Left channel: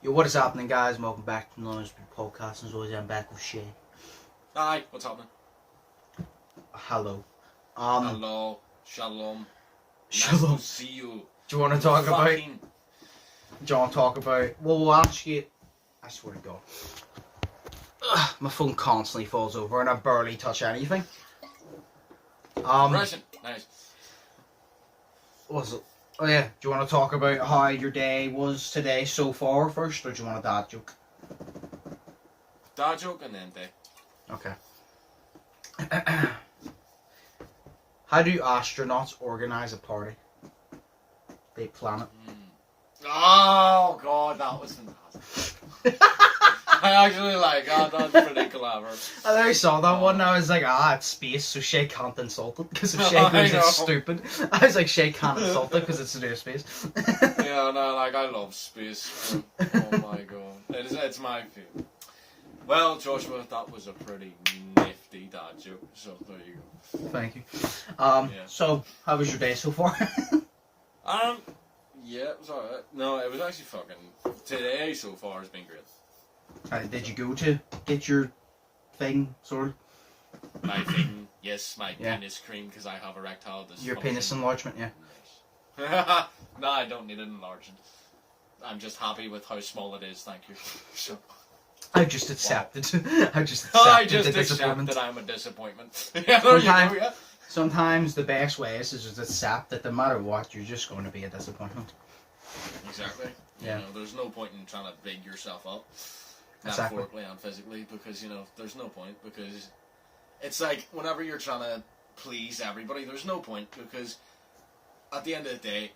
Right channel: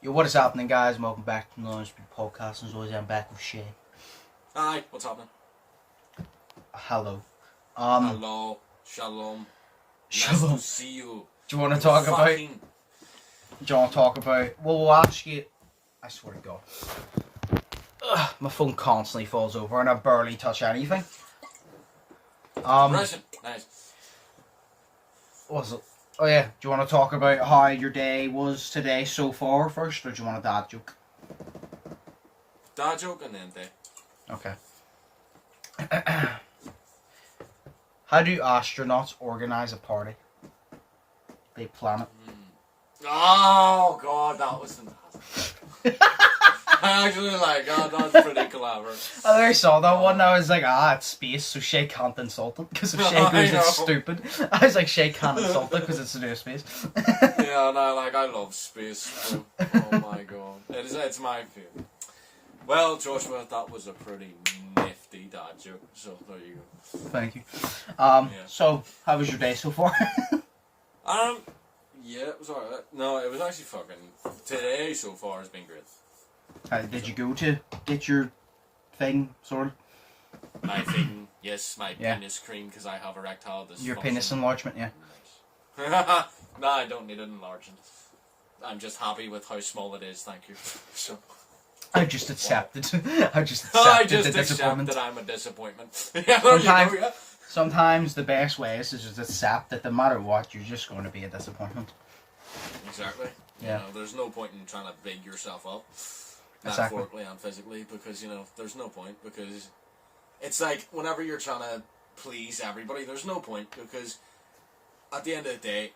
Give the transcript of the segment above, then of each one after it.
Yo, what is happening, guys? Welcome back to the Undisputed podcast. As always, I'm back with Shay. Hi, what's happening? Hello. Hello, shalom. Shalom. Nice to see you. Do you want to talk about? Fucking... Do you want to talk about? Well, we'll ask you. I swear to God. My phone constantly falls over, and I barely touch anything. Nice. What was it? Oh yeah. Do you want to talk about how your day was today so far first, or do you want a dad joke? Dad joke and then day. Okay. How do astronauts organize a party? They plan it. Oh god, that was fantastic. I actually like that. That's pretty clever. I never saw that one. I was like, it's space, so Shay can't insult it because if Shay goes, it's stupid. I was like, Shay can't insult it because it's to do with space. Yeah, no, like I love space. Oh my god, it's my favorite. Well, Joshua, that was a pretty nifty dad joke. So there you go. Thank you. Yeah. So how was your day so far? Yeah, it was alright. No, it was actually fucking... Today so far has been great. Did you go to get your thing sorted? My thing, yes, my penis cream, because I have erectile dysfunction. Your penis enlargement, yeah. Yes. No, I don't need it enlarging. I'm just happy with how small it is, thank you. So, I just accepted. I just I accepted just the accept disappointment. that I'm a disappointment. Yeah, there you go, yeah. Sometimes the best way is to just accept that no matter what, you're just going to be a disappointment. Exactly. Yeah. You know, there's no point in trying to big yourself up, Exactly. metaphorically and physically, because, you know, there's no point, because it's like, whenever you're trying to please everybody, there's no point, because at the end of the day,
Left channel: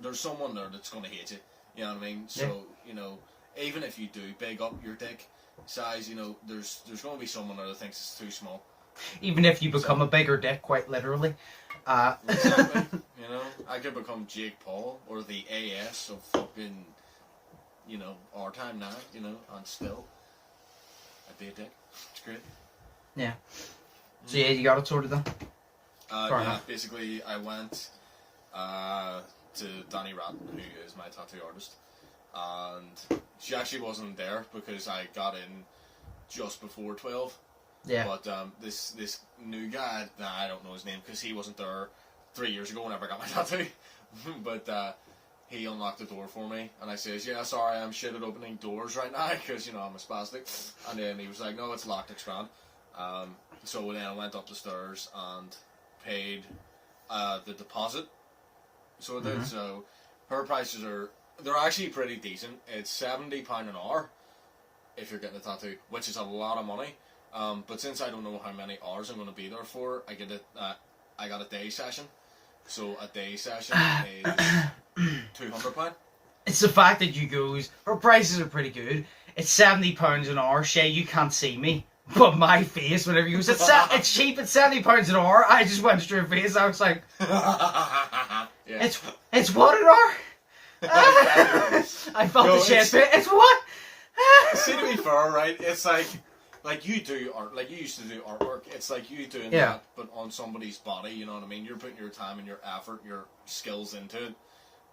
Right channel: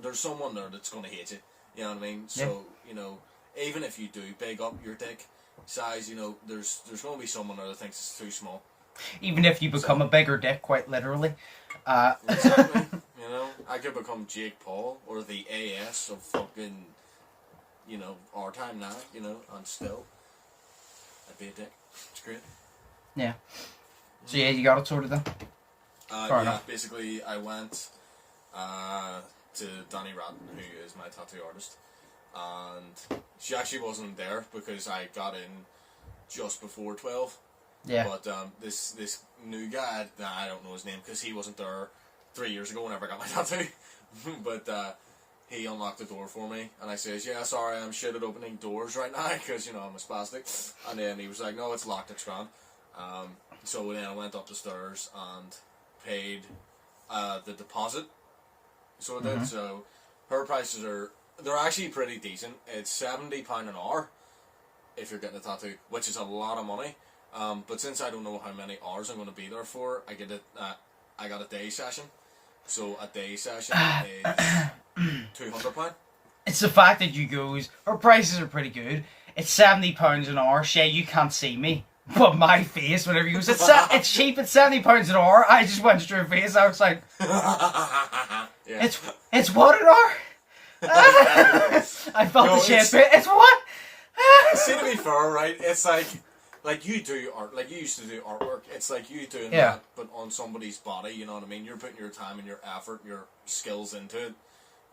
there's someone there that's going to hate you, you know what I mean? So, you know, even if you do big up your dick size, you know, there's going to be someone there that thinks it's too small. Even if you become a bigger dick, quite literally. Exactly. You know, I could become Jake Paul or the AS of fucking, you know, our time now, you know, and still, I'd be a dick. It's great. Yeah. So yeah, you got it sorted then? Yeah, enough. Basically, I went to Danny Ratton, who is my tattoo artist, and she actually wasn't there because I got in just before 12. Yeah. But this new guy, I don't know his name because he wasn't there 3 years ago whenever I got my tattoo. But he unlocked the door for me, and I says, "Yeah, sorry, I'm shit at opening doors right now because, you know, I'm a spastic." And then he was like, "No, it's locked, it's grand." So then I went up the stairs and paid the deposit. So I did. So her prices they're actually pretty decent. It's £70 an hour if you're getting a tattoo, which is a lot of money. But since I don't know how many hours I'm going to be there for, I got a day session. So a day session is £200. It's the fact that you goes, her prices are pretty good. It's £70 an hour. Shay, you can't see me, but my face, whenever you goes, it's cheap, it's £70 an hour. I just went straight face. I was like, yeah. It's what an hour? I felt the chest bit. It's what? See, to be fair, right? It's like you do art, like you used to do artwork. It's like you doing that, but on somebody's body. You know what I mean? You're putting your time and your effort, and your skills into it.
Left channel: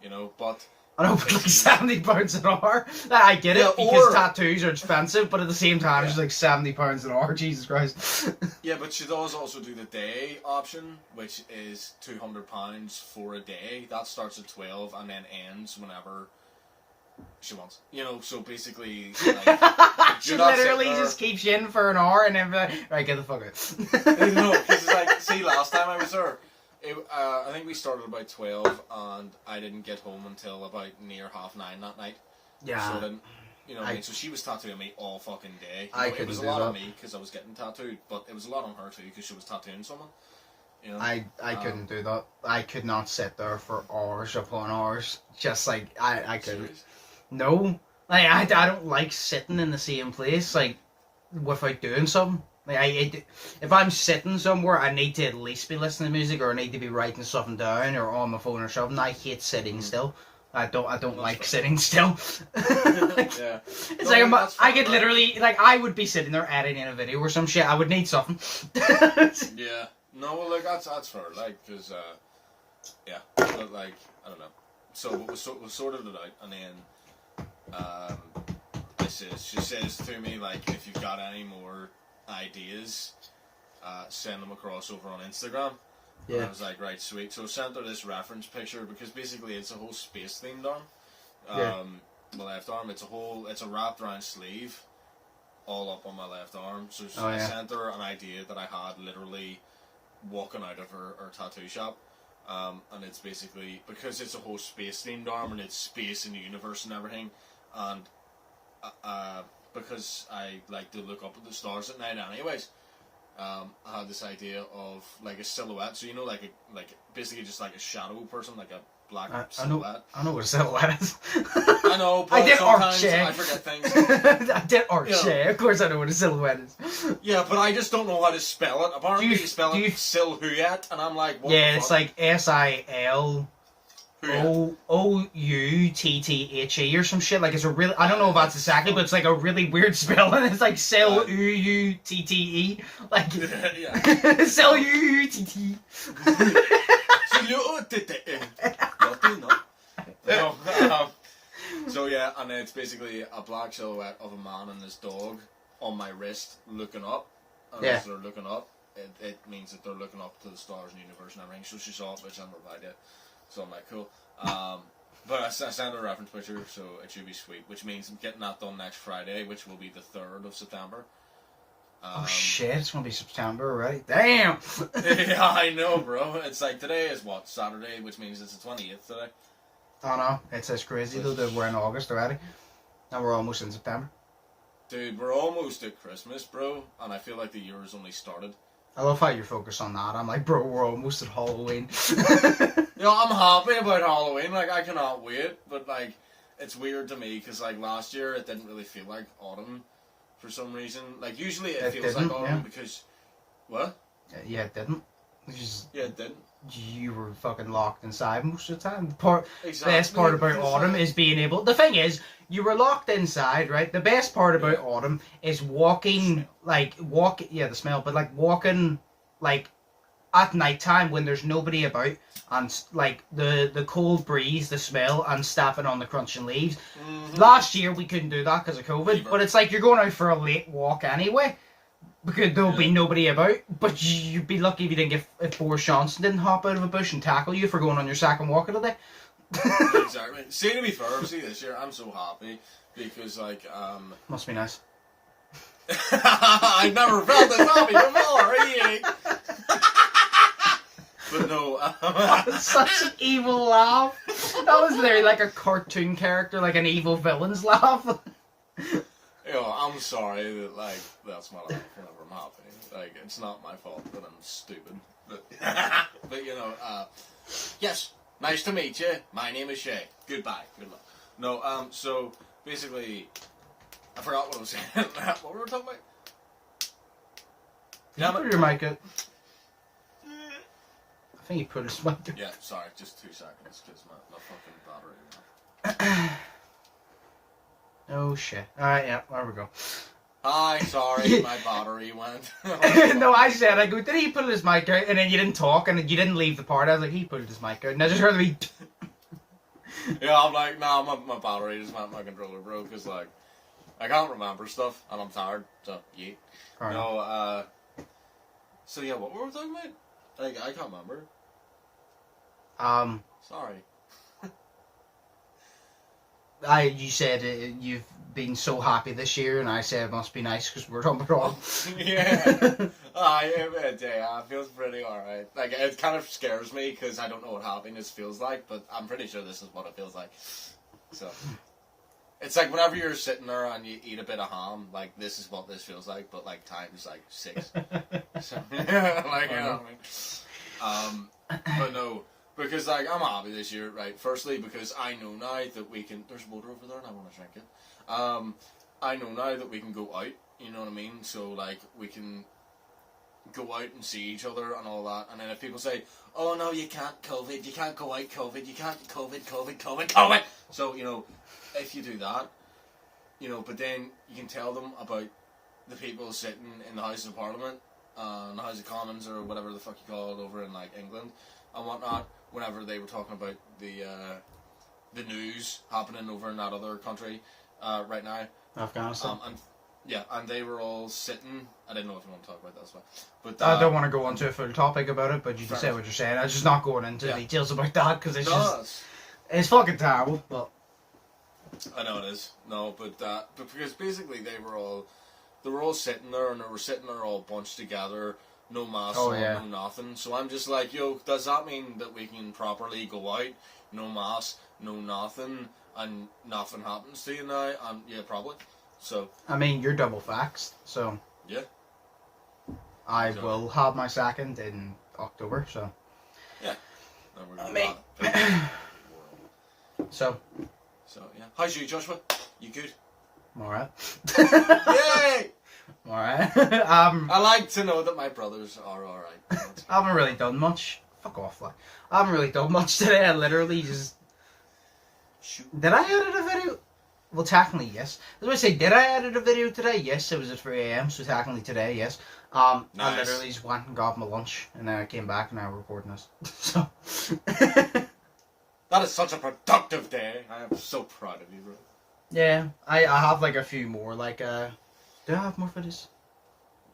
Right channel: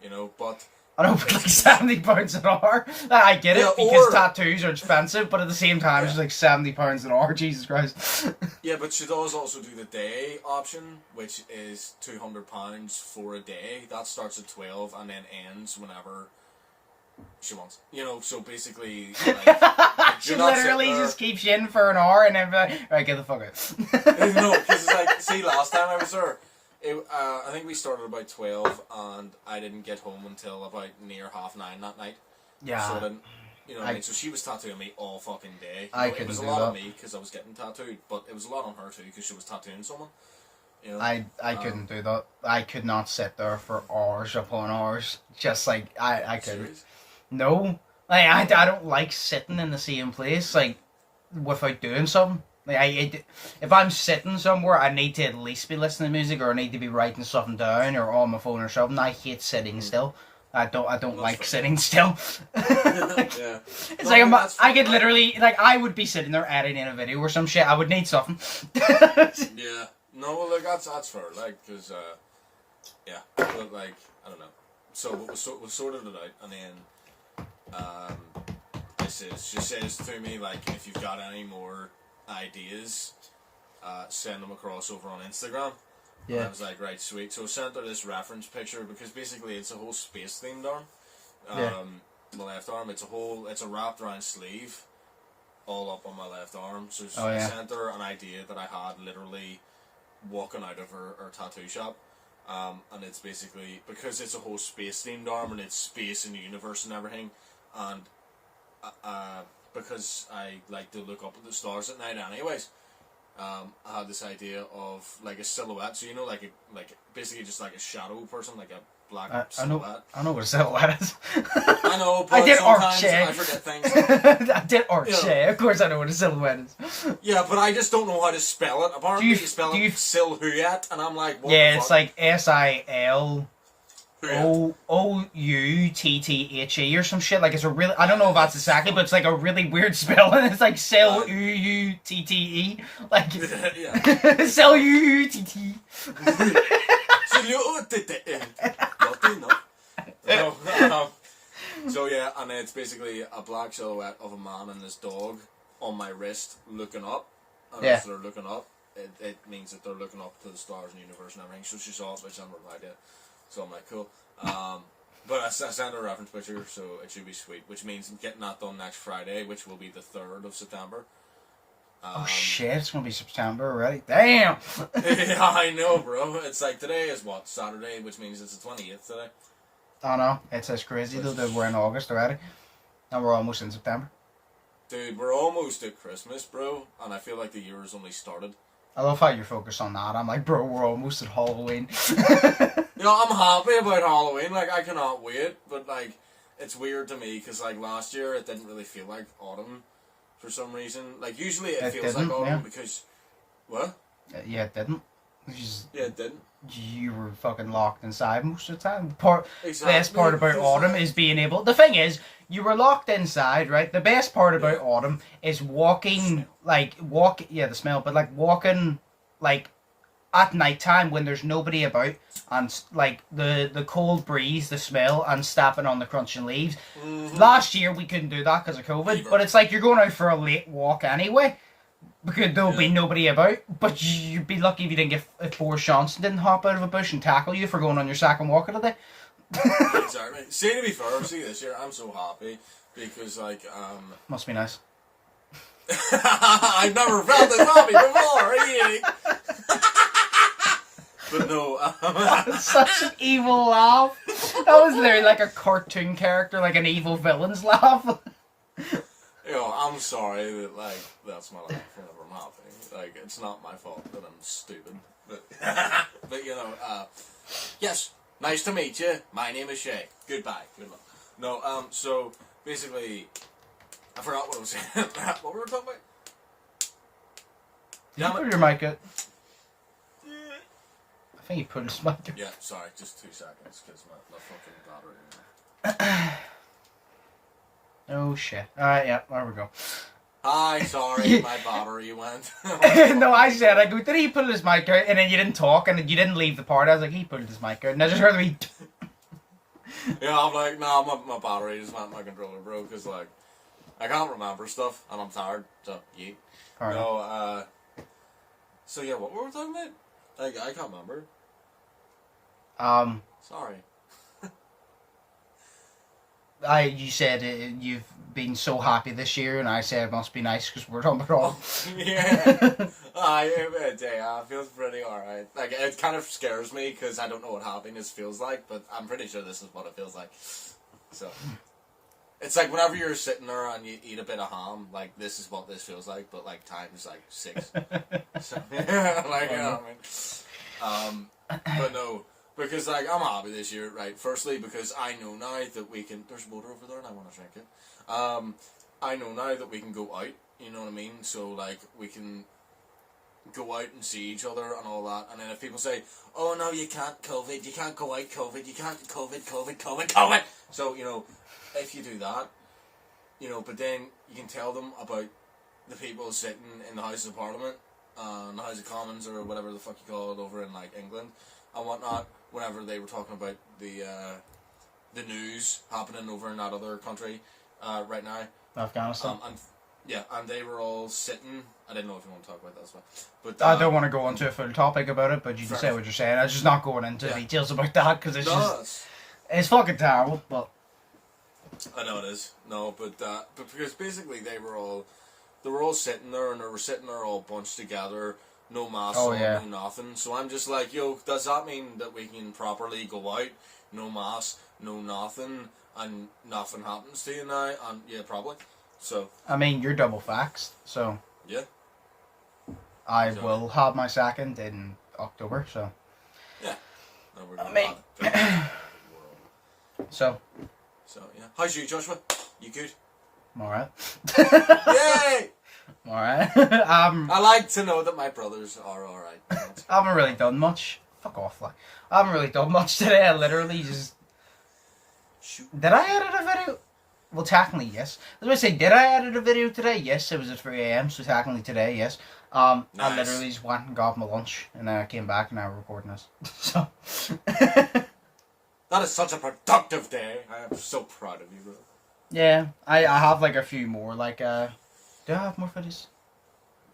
You know, but I don't put like £70 an hour. I get it because tattoos are expensive, but at the same time, it's like £70 an hour. Jesus Christ. Yeah, but she does also do the day option, which is £200 for a day. That starts at 12 and then ends whenever she wants. You know, so basically, like, she literally just keeps you in for an hour and then be like, right, get the fuck out. No, because like, see, last time I was there, I think we started about 12 and I didn't get home until about near 9:30 that night. Yeah. So then, you know what I mean? So she was tattooing me all fucking day. It was a lot on me because I was getting tattooed, but it was a lot on her too because she was tattooing someone. You know? I couldn't do that. I could not sit there for hours upon hours. Just like, I couldn't. Serious? No. Like, I don't like sitting in the same place, like, without doing something. Like, if I'm sitting somewhere, I need to at least be listening to music, or I need to be writing something down, or on my phone or something. I hate sitting still. I don't like sitting still. Yeah. It's like I could literally, like, I would be sitting there editing a video or some shit. I would need something. Yeah. No, well, like, that's fair, like, because, yeah, but, like, I don't know. So we sorted it out, and then, she says to me, like, if you've got any more ideas, send them across over on Instagram. Yeah. And I was like, right, sweet. So I sent her this reference picture because basically it's a whole space themed arm. My left arm, it's a wrapped around sleeve, all up on my left arm. So I sent her an idea that I had literally walking out of her tattoo shop. And it's basically, because it's a whole space themed arm and it's space and the universe and everything, and because I like to look up at the stars at night anyways, I had this idea of like a silhouette, so like basically just like a shadow person, like a black silhouette. I know what a silhouette is. I know, but sometimes I forget things. I did arche. Of course I know what a silhouette is. Yeah, but I just don't know how to spell it. Apparently you spell it silhouette, and I'm like, what yeah, it's like SILOUTTHE or some shit. Like, it's a really, I don't know if that's exactly, but it's like a really weird spelling. It's like SILOUTTE. Like, SILOUTTE. So yeah, and it's basically a black silhouette of a man and his dog on my wrist looking up. And as they're looking up, it means that they're looking up to the stars and the universe and everything. So she saw it, but she hadn't replied yet. So I'm like, cool. But I sent her a reference picture, so it should be sweet. Which means getting that done next Friday, which will be the 3rd of September. Oh shit, it's gonna be September already. Damn! Yeah, I know, bro. It's like, today is what? Saturday, which means it's the 28th today. Oh no, it's crazy though that we're in August already. And we're almost in September. Dude, we're almost at Christmas, bro, and I feel like the year has only started. I love how you're focused on that. I'm like, bro, we're almost at Halloween. I'm happy about Halloween. Like, I cannot wait, but like, it's weird to me because like last year it didn't really feel like autumn for some reason. Like, usually it feels like autumn because what? Yeah, it didn't. It didn't. You were fucking locked inside most of the time. The best part about autumn is being able... The thing is, you were locked inside, right? The best part about autumn is walking, the smell, but like walking, like, at night time when there's nobody about, and like the cold breeze, the smell, and stepping on the crunching leaves. Mm-hmm. Last year we couldn't do that because of COVID, but it's like you're going out for a late walk anyway. Because there'll be nobody about, but you'd be lucky if you didn't get if Boris Johnson didn't hop out of a bush and tackle you for going on your second walk of the day. Exactly. See, to be fair, this year I'm so happy because like must be nice. I've never felt this happy before. But no, that's such an evil laugh. That was literally like a cartoon character, like an evil villain's laugh. I'm sorry that, like, that's my life whenever I'm happy. Like, it's not my fault that I'm stupid. But, yes, nice to meet you. My name is Shay. Goodbye. Good luck. No, so, basically, I forgot what I was saying. What were we talking about? Put your mic out. I think you put his mic out. Yeah, sorry, just 2 seconds, because my fucking battery. Oh shit. Alright, yeah, there we go. Hi, sorry, my battery went. No, I said, I go, did he put his mic out? And then you didn't talk, and you didn't leave the part. I was like, he put his mic out. And I just heard me. Yeah, I'm like, nah, my battery just went, my controller broke, because, like, I can't remember stuff, and I'm tired, so, yeah. Right. No, so yeah, what were we talking about? Like, I can't remember. Sorry. You said you've been so happy this year, and I said it must be nice because we're talking about all. Yeah, it feels pretty alright. Like, it kind of scares me because I don't know what happiness feels like, but I'm pretty sure this is what it feels like. So, it's like whenever you're sitting there and you eat a bit of ham, like, this is what this feels like, but like times like 6. So, yeah, like, you know what I mean? But no. Because, like, I'm happy this year, right? Firstly, because I know now that we can... There's water over there and I want to drink it. I know now that we can go out, you know what I mean? So, like, we can go out and see each other and all that. And then if people say, oh, no, you can't COVID, you can't go out COVID, you can't COVID. So, you know, if you do that, you know, but then you can tell them about the people sitting in the House of Parliament, in the House of Commons, or whatever the fuck you call it over in, like, England and whatnot, whenever they were talking about the news happening over in that other country, right now. Afghanistan. And they were all sitting. I didn't know if you want to talk about that as well. But I don't want to go into a full topic about it, but you can say what you're saying. I'm just not going into details about that because it's fucking terrible. But I know it is. No, but because basically they were all sitting there, and they were sitting there all bunched together, no masks on, no nothing. So I'm just like, yo, does that mean that we can properly go out, no mask, no nothing, and nothing happens to you now? And yeah, probably. So I mean, you're double vaxxed, so yeah, I will have my second in October. So yeah, no, we're gonna So yeah, how's you, Joshua? You good? I'm alright. Yay! Alright. I like to know that my brothers are alright. I haven't really done much. Fuck off, like. I haven't really done much today. I literally just... Did I edit a video? Well, technically, yes. I was going to say, did I edit a video today? Yes, it was at 3 AM, so technically today, yes. Nice. I literally just went and got my lunch, and then I came back and now we're recording this. So... That is such a productive day. I am so proud of you, bro. Yeah, I have like a few more, like, do I have more videos?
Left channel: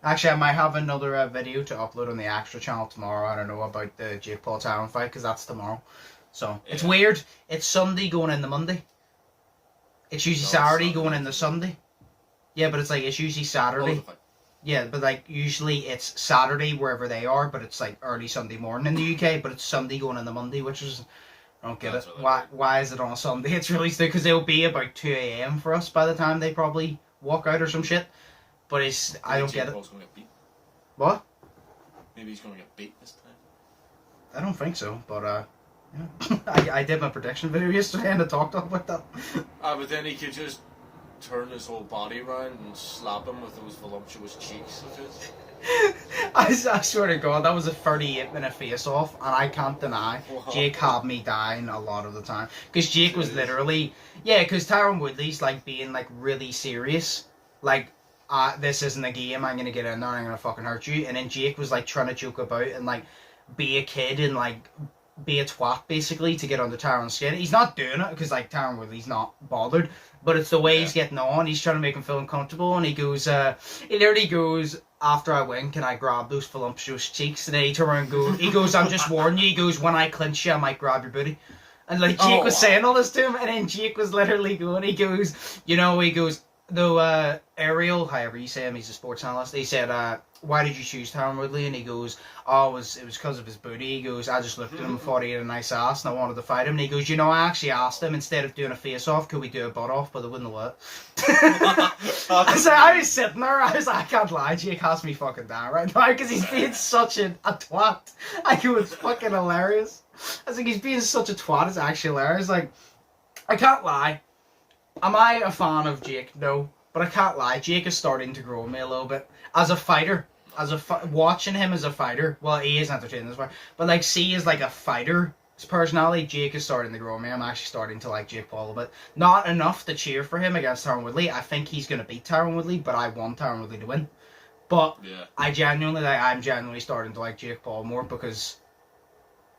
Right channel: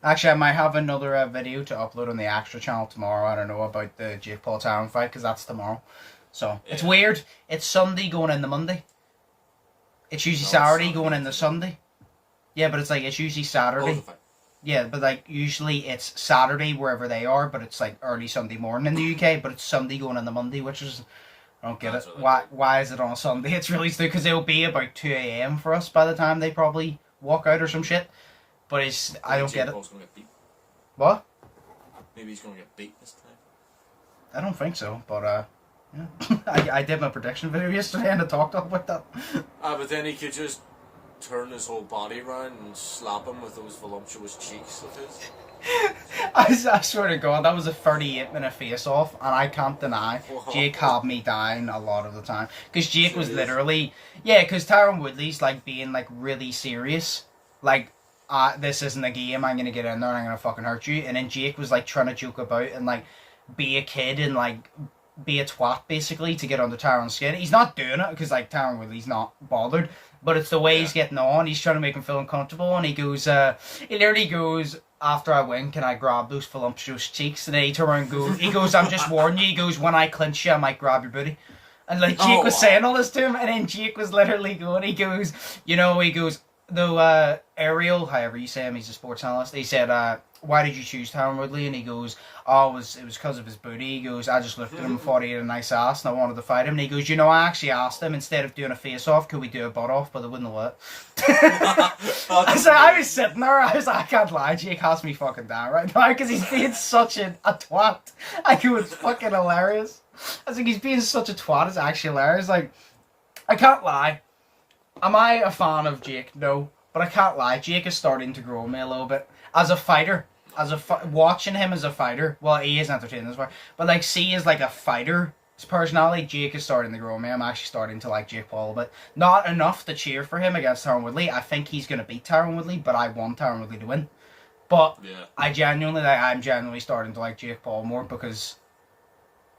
Actually, I might have another video to upload on the extra channel tomorrow, I don't know, about the Jake Paul Tyron fight, because that's tomorrow. So, it's weird. It's Sunday going into Monday. It's usually Saturday going into Sunday. Yeah, but it's like, it's usually Saturday. Yeah, but like, usually it's Saturday wherever they are, but it's like early Sunday morning in the UK, but it's Sunday going into Monday, which is... I don't get it. Why is it on a Sunday? It's really stupid because it'll be about 2 AM for us by the time they probably walk out or some shit. But I don't get it. Gonna get beat. What? Maybe he's going to get beat this time. I don't think so, but yeah. I did my prediction video yesterday and I talked about that. But then he could just turn his whole body around and slap him with those voluptuous cheeks of his. I swear to God, that was a 38-minute face-off, and I can't deny Jake had me dying a lot of the time. Because Jake was literally... Yeah, because Tyron Woodley's, like, being, like, really serious. Like, this isn't a game, I'm gonna get in there, I'm gonna fucking hurt you. And then Jake was, like, trying to joke about and, like, be a kid and, like, be a twat, basically, to get under Tyron's skin. He's not doing it, because, like, Tyron Woodley's not bothered. But it's the way he's getting on, he's trying to make him feel uncomfortable, and he goes, he literally goes... After I win, can I grab those voluptuous cheeks? And then he turns around and goes, he goes, I'm just warning you. He goes, when I clinch you, I might grab your booty. And like Jake was saying all this to him, and then Jake was literally going, he goes, though Ariel, however you say him, he's a sports analyst, he said, why did you choose Tyron Woodley? And he goes, it was because of his booty. He goes, I just looked at him, thought he had a nice ass, and I wanted to fight him. And he goes, I actually asked him, instead of doing a face-off, could we do a butt-off? But they wouldn't let it. I was sitting there, I was like, I can't lie, Jake has me fucking down right now, because he's being such a twat. Like, it was fucking hilarious. I was like, he's being such a twat, it's actually hilarious. Like, I can't lie. Am I a fan of Jake? No. But I can't lie, Jake is starting to grow on me a little bit. As a fighter, watching him as a fighter, well, he is entertaining as well, but like, see as like a fighter, his personality, Jake is starting to grow on me. I'm actually starting to like Jake Paul a bit. Not enough to cheer for him against Tyron Woodley. I think he's going to beat Tyron Woodley, but I want Tyron Woodley to win. But I'm genuinely starting to like Jake Paul more because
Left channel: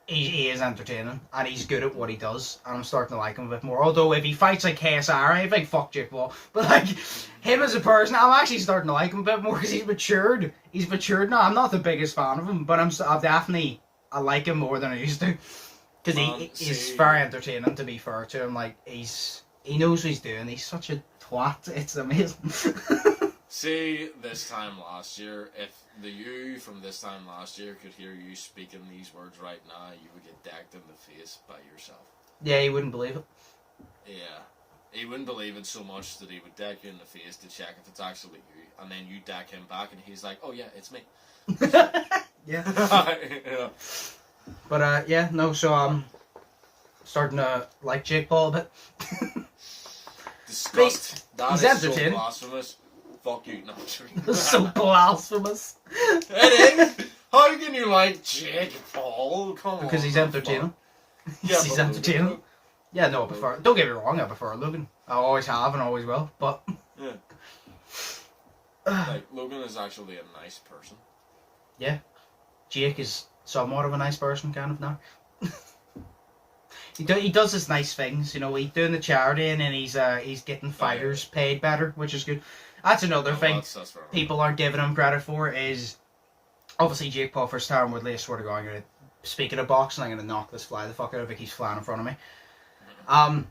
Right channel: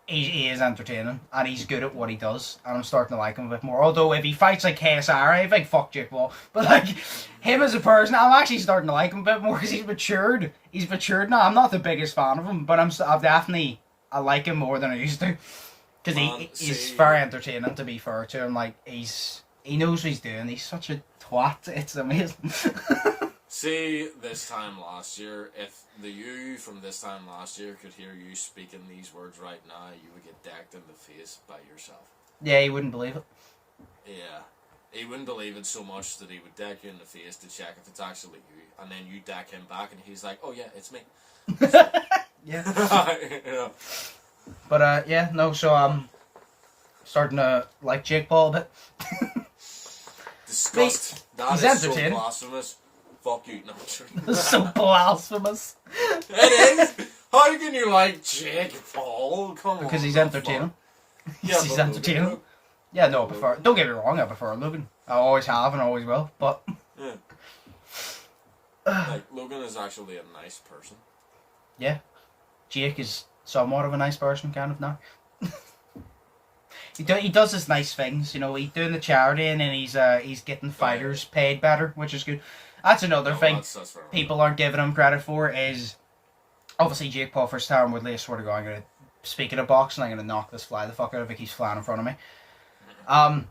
he is entertaining and he's good at what he does, and I'm starting to like him a bit more. Although if he fights like KSR, I think fuck Jake Paul. But like him as a person, I'm actually starting to like him a bit more because he's matured. He's matured now. I'm not the biggest fan of him, but I like him more than I used to because he's very entertaining. To be fair to him, like he knows what he's doing. He's such a twat. It's amazing. See, this time last year, if the you from this time last year could hear you speaking these words right now, you would get decked in the face by yourself. Yeah, he wouldn't believe it. Yeah. He wouldn't believe it so much that he would deck you in the face to check if it's actually you, and then you deck him back and he's like, oh yeah, it's me. So, yeah. But, so I'm starting to like Jake Paul a bit. Disgust. That is so blasphemous. Fuck you, no, It's so blasphemous. It is. How can you like Jake Paul? Come on. Because he's entertaining. Yeah, he's entertaining. Yeah, no, don't get me wrong, I prefer Logan. I always have and always will, but... Yeah. Like, Logan is actually a nice person. Yeah. Jake is somewhat of a nice person, kind of, now. He does his nice things, you know. He's doing the charity, and then he's getting fighters paid better, which is good. That's another thing that's people aren't giving him credit for is obviously Jake Paul versus Tyron Woodley. I swear to God, I'm gonna, speaking of boxing, I'm gonna knock this fly the fuck out if it keeps flying in front of me.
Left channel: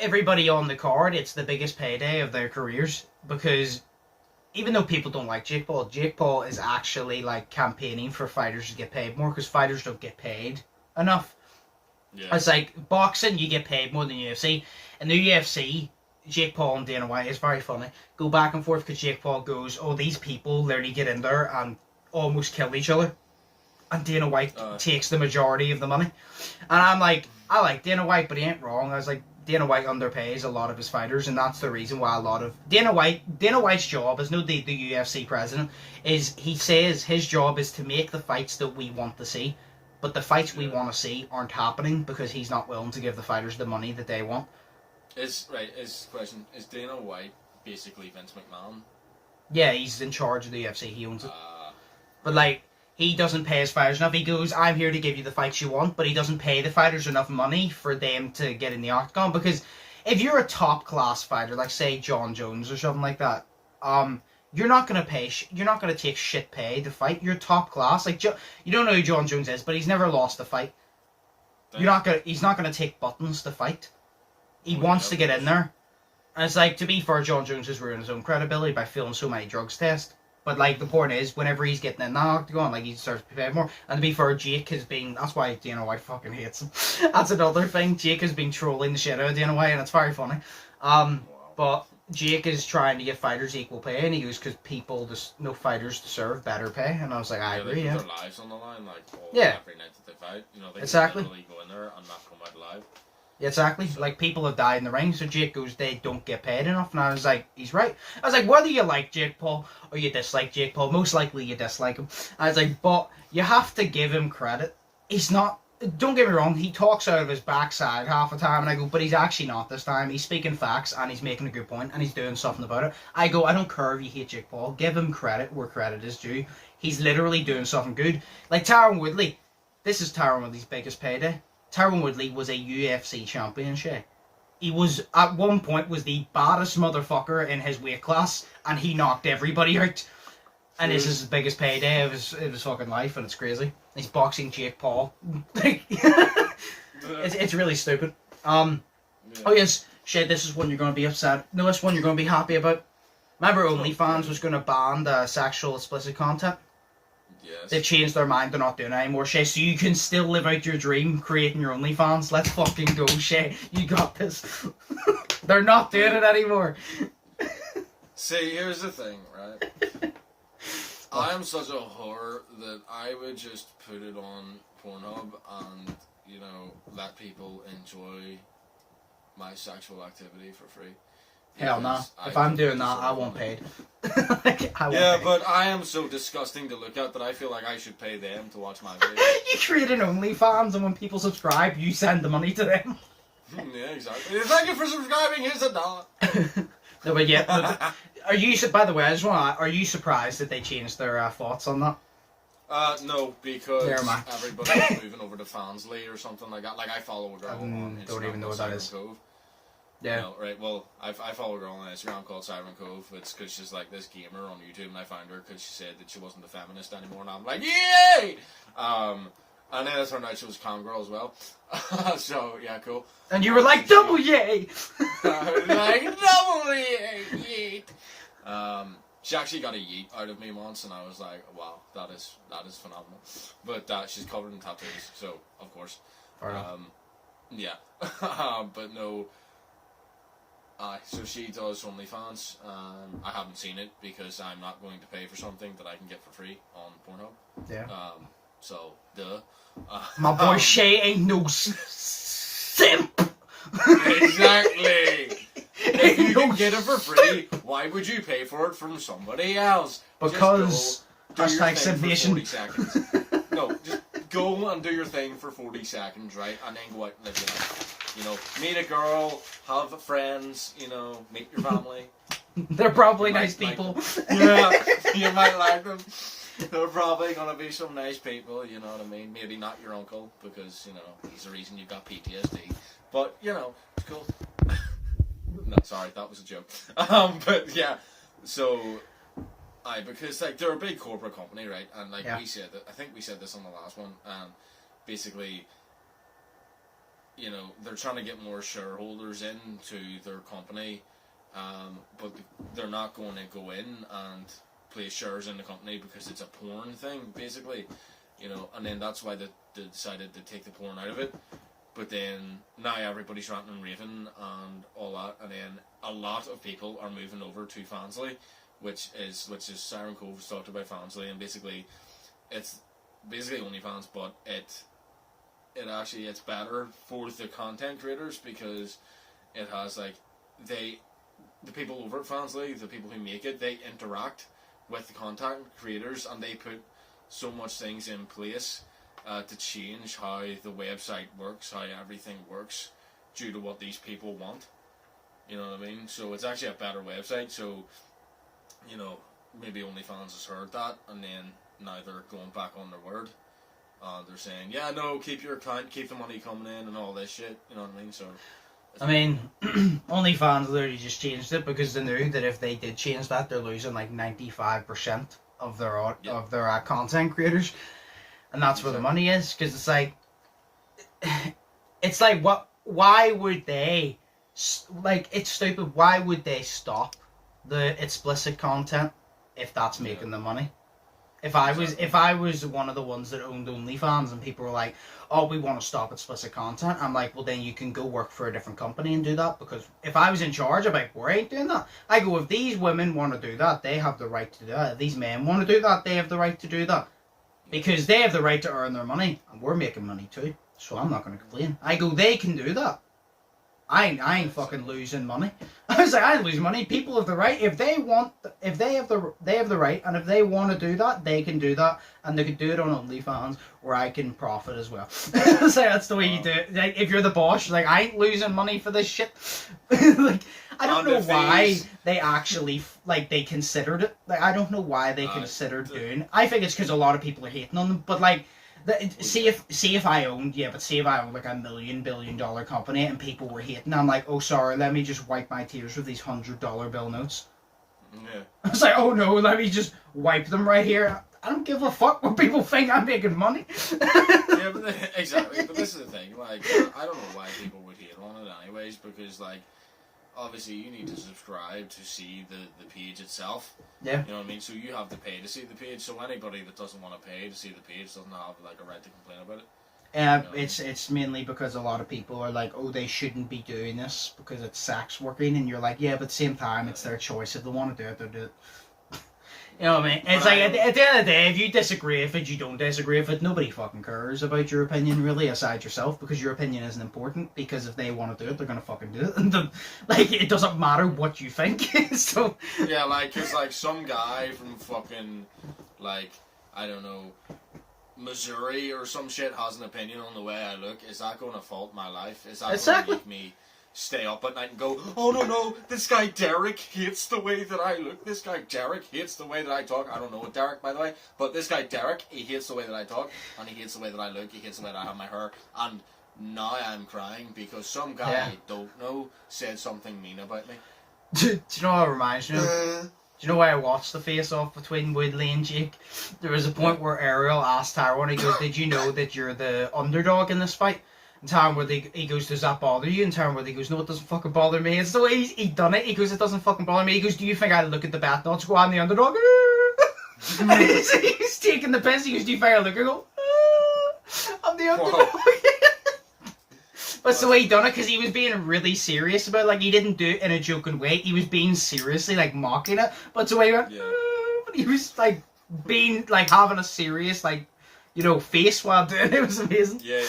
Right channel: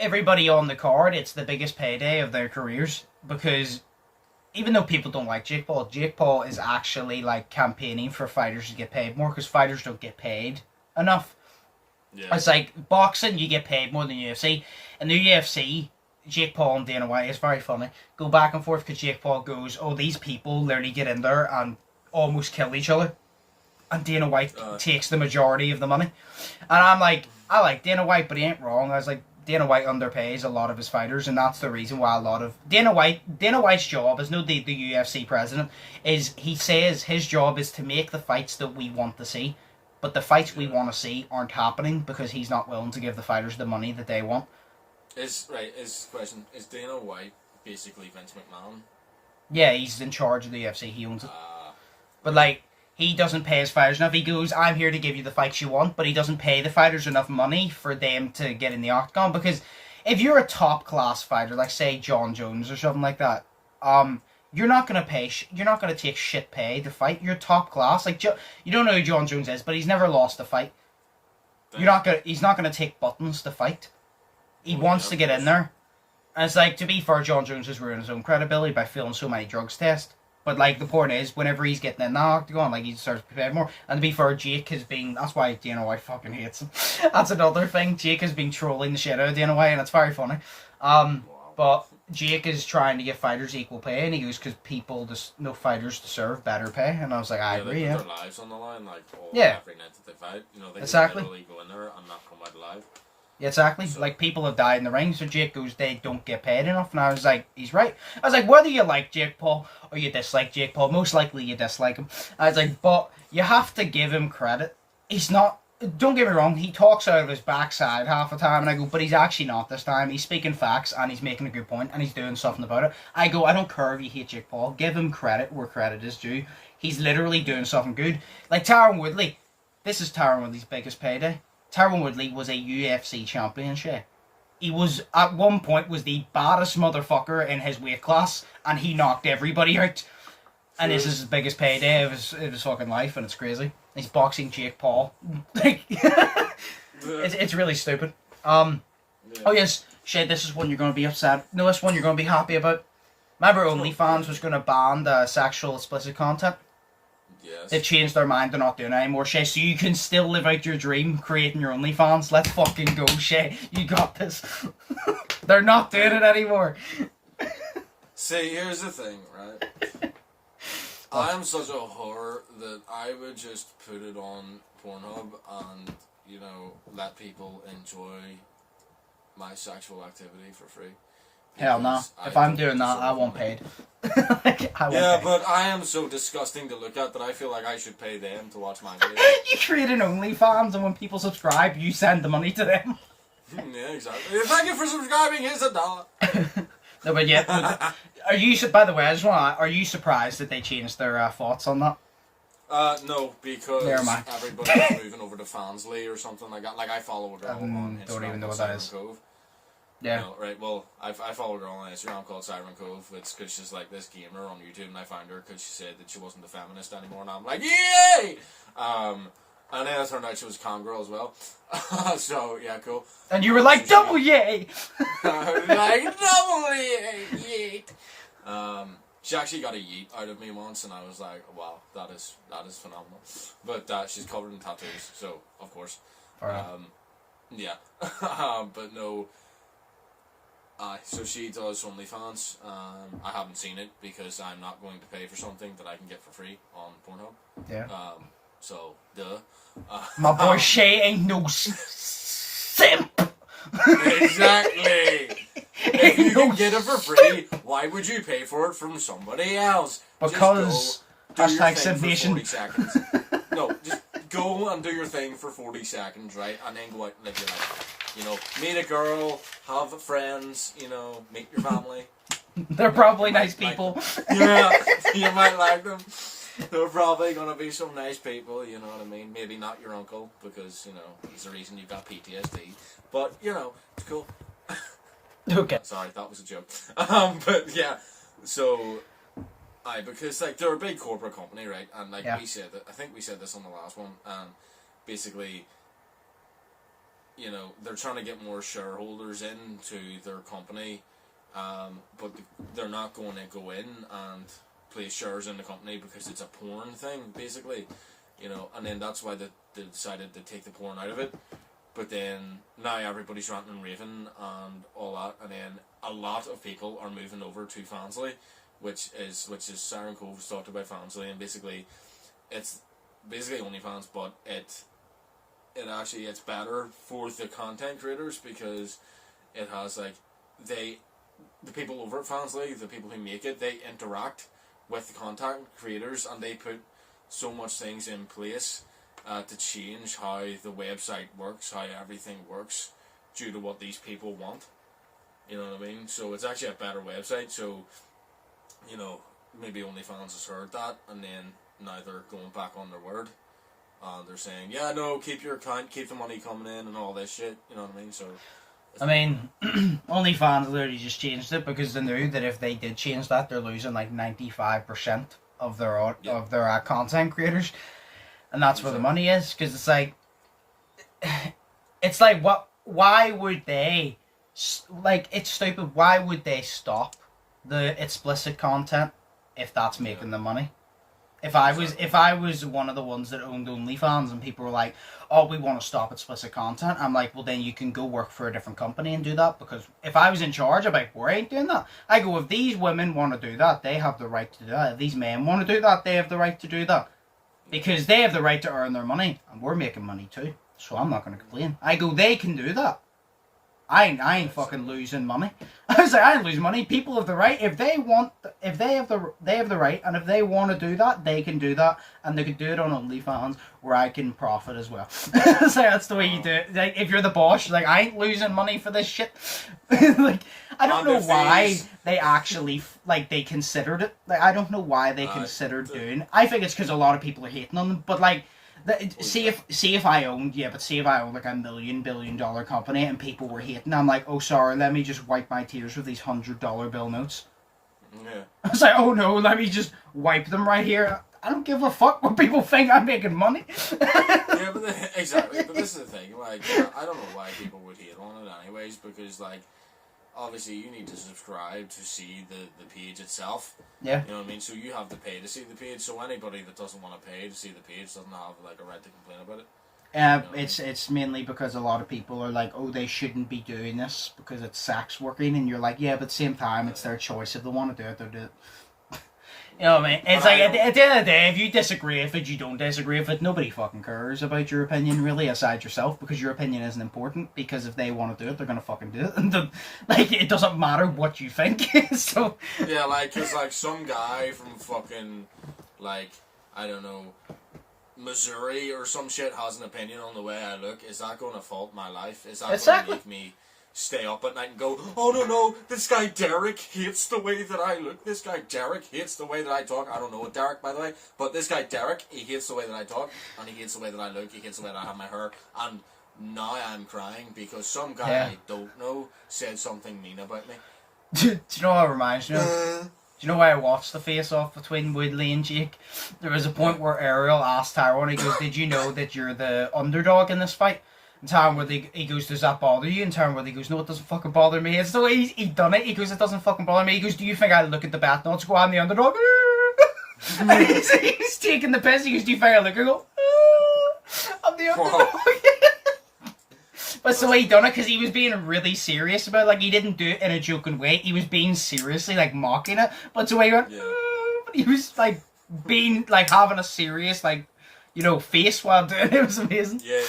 Everybody on the card, it's the biggest payday of their careers, because even though people don't like Jake Paul is actually like campaigning for fighters to get paid more, because fighters don't get paid enough. Yeah. It's like boxing, you get paid more than UFC. In the UFC, Jake Paul and Dana White is very funny. Go back and forth because Jake Paul goes, "Oh, these people literally get in there and almost kill each other," and Dana White takes the majority of the money. And I'm like, I like Dana White, but he ain't wrong. I was like, Dana White underpays a lot of his fighters, and that's the reason why a lot of Dana White's job is no the UFC president, is he says his job is to make the fights that we want to see, but the fights we want to see aren't happening because he's not willing to give the fighters the money that they want. His question is Dana White basically Vince McMahon? Yeah, he's in charge of the UFC. He owns it, but like, he doesn't pay his fighters enough. He goes, "I'm here to give you the fights you want," but he doesn't pay the fighters enough money for them to get in the octagon. Because if you're a top class fighter, like say John Jones or something like that, you're not gonna you're not gonna take shit pay to fight. You're top class. Like you don't know who John Jones is, but he's never lost a fight. He's not gonna take buttons to fight. He wants to get in there, and it's like, to be fair, John Jones has ruined his own credibility by failing so many drugs tests. But, like, the point is, whenever he's getting in the octagon, like, he starts to pay more. And to be fair, Jake has been... That's why Dana White fucking hates him. That's another thing. Jake has been trolling the shit out of Dana White, and it's very funny. But Jake is trying to give fighters equal pay, and he goes, because no fighters deserve better pay. And I was like, I agree, they put their lives on the line, like, every night that they fight. You know, they exactly. can literally go in there and not come out alive. Yeah, exactly. So, like, people have died in the ring, so Jake goes, they don't get paid enough. And I was like, he's right. I was like, whether you like Jake Paul or you dislike Jake Paul, most likely you dislike him. I was like, but you have to give him credit. He's not... Don't get me wrong, he talks out of his backside half the time, and I go, but he's actually not this time. He's speaking facts, and he's making a good point, and he's doing something about it. I go, I don't care if you hate Jake Paul. Give him credit where credit is due. He's literally doing something good. Like Tyron Woodley. This is Tyron Woodley's biggest payday. Tyron Woodley was a UFC champion, Shay. He was, at one point, was the baddest motherfucker in his weight class, and he knocked everybody out. And this is his biggest payday of his fucking life, and it's crazy. He's boxing Jake Paul. it's really stupid. Oh yes, Shay, this is one you're going to be upset. No, this one you're going to be happy about. Remember Onlyfans was going to ban the sexual explicit content? Yes. They've changed their mind, they're not doing it anymore, Shay, so you can still live out your dream creating your OnlyFans. Let's fucking go, Shay. You got this. They're not doing it anymore. See, here's the thing, right? I am such a whore that I would just put it on Pornhub and, you know, let people enjoy my sexual activity for free. Hell no. If I'm doing that, I want paid. But I am so disgusting to look at that I feel like I should pay them to watch my videos. You create an OnlyFans, and when people subscribe, you send the money to them. Yeah, exactly. Thank you for subscribing. Here's $1. No, but yeah. But are you? By the way, I just want to. Are you surprised that they changed their thoughts on that? No, because everybody's moving over to Fansly or something like that. Like, I follow a girl on Instagram. Don't even know what that is. Cove. Yeah. No, right, well, I follow a girl on Instagram called Tyron Cove. It's because she's like this gamer on YouTube, and I found her because she said that she wasn't a feminist anymore, and I'm like, yay! And then it turned out she was a com girl as well. So, yeah, cool. And you were like, double yay! I was like, double yay! Yeet! She actually got a yeet out of me once, and I was like, wow, that is phenomenal. But she's covered in tattoos, so, of course. Yeah. But no... so she does OnlyFans. I haven't seen it because I'm not going to pay for something that I can get for free on Pornhub. Yeah. So, duh. My boy Shay ain't no simp. Exactly. If you can get it for free, why would you pay for it from somebody else? Because hashtag submission. 40 seconds. No, just go and do your thing for 40 seconds, right? And then go out and live your life. You know, meet a girl, have friends, you know, meet your family. They're probably nice people. Yeah, you might like them. They're probably gonna be some nice people, you know what I mean? Maybe not your uncle, because, you know, he's the reason you got PTSD. But, you know, it's cool. Okay. Sorry, that was a joke. But yeah, so because like they're a big corporate company, right? And like we said that, I think we said this on the last one, and basically, you know, they're trying to get more shareholders into their company, but they're not going to go in and place shares in the company because it's a porn thing, basically, you know, and then that's why they decided to take the porn out of it. But then now everybody's ranting and raving and all that, and then a lot of people are moving over to Fansly, which is Siren Cove has talked about Fansly, and basically it's basically OnlyFans, but it's better for the content creators because it has like the people over at Fansly, the people who make it, they interact with the content creators and they put so much things in place to change how the website works, how everything works, due to what these people want. You know what I mean? So it's actually a better website. So, you know, maybe OnlyFans has heard that, and then now they're going back on their word. They're saying, yeah, no, keep your account, keep the money coming in, and all this shit. You know what I mean? So, I mean, OnlyFans literally just changed it because they knew that if they did change that, they're losing like 95% of their content creators. And that's where the money is, because it's like, why would they, like, it's stupid, why would they stop the explicit content if that's making them money? If I was one of the ones that owned OnlyFans and people were like, oh, we want to stop explicit content, I'm like, well then you can go work for a different company and do that, because if I was in charge, I'd be like, we ain't doing that. I go, if these women want to do that, they have the right to do that. If these men want to do that, they have the right to do that. Because they have the right to earn their money, and we're making money too. So I'm not going to complain. I go, they can do that. I ain't fucking losing money. I was like, I ain't losing money. People have the right. If they have the right, and if they want to do that, they can do that, and they can do it on OnlyFans, where I can profit as well. So that's the way you do it. Like, if you're the boss, you're like, I ain't losing money for this shit. Like, I don't know why they actually they considered it. Like, I don't know why they considered doing. I think it's because a lot of people are hating on them. But like, see if I owned like $1 billion company and people were hating, I'm like, oh sorry, let me just wipe my tears with these $100 bill notes. Yeah. I was like, oh no, let me just wipe them right here. I don't give a fuck what people think. I'm making money. Yeah, but exactly. But this is the thing. Like, I don't know why people would hate on it anyways, because like, obviously you need to subscribe to see the page itself. Yeah. You know what I mean? So you have to pay to see the page. So anybody that doesn't want to pay to see the page doesn't have like a right to complain about it. You know it's mainly because a lot of people are like, oh, they shouldn't be doing this because it's sex working, and you're like, yeah, but at the same time, it's their choice. If they want to do it, they'll do it. You know what I mean? It's like, at the end of the day, if you disagree with it, you don't disagree with it. Nobody fucking cares about your opinion, really, aside yourself, because your opinion isn't important, because if they want to do it, they're going to fucking do it. And like, it doesn't matter what you think. So yeah, like, because, like, some guy from fucking, like, I don't know, Missouri or some shit has an opinion on the way I look. Is that going to fault my life? Is that going to make me stay up at night and go, oh no, this guy Derek hates the way that I look, this guy Derek hates the way that I talk. I don't know Derek, by the way, but this guy Derek, he hates the way that I talk, and he hates the way that I look, he hates the way that I have my hair, and now I'm crying because some guy I don't know said something mean about me. Do you know what it reminds me of? Do you know why I watched the face-off between Woodley and Jake? There was a point where Ariel asked Tyron, he goes, did you know that you're the underdog in this fight? And Tyron Woodley, he goes, does that bother you? And Tyron Woodley goes, no, it doesn't fucking bother me. It's the way he done it. He goes, it doesn't fucking bother me. He goes, do you think I look at the bet notes, go, I'm the underdog? And he's taking the piss. He goes, do you think I look and go, I'm the underdog? But so he done it because he was being really serious about it. Like, he didn't do it in a joking way. He was being seriously, like, mocking it. But so he went, but he was, like, being, like, having a serious, like, you know, face while doing it. It was amazing. Yeah.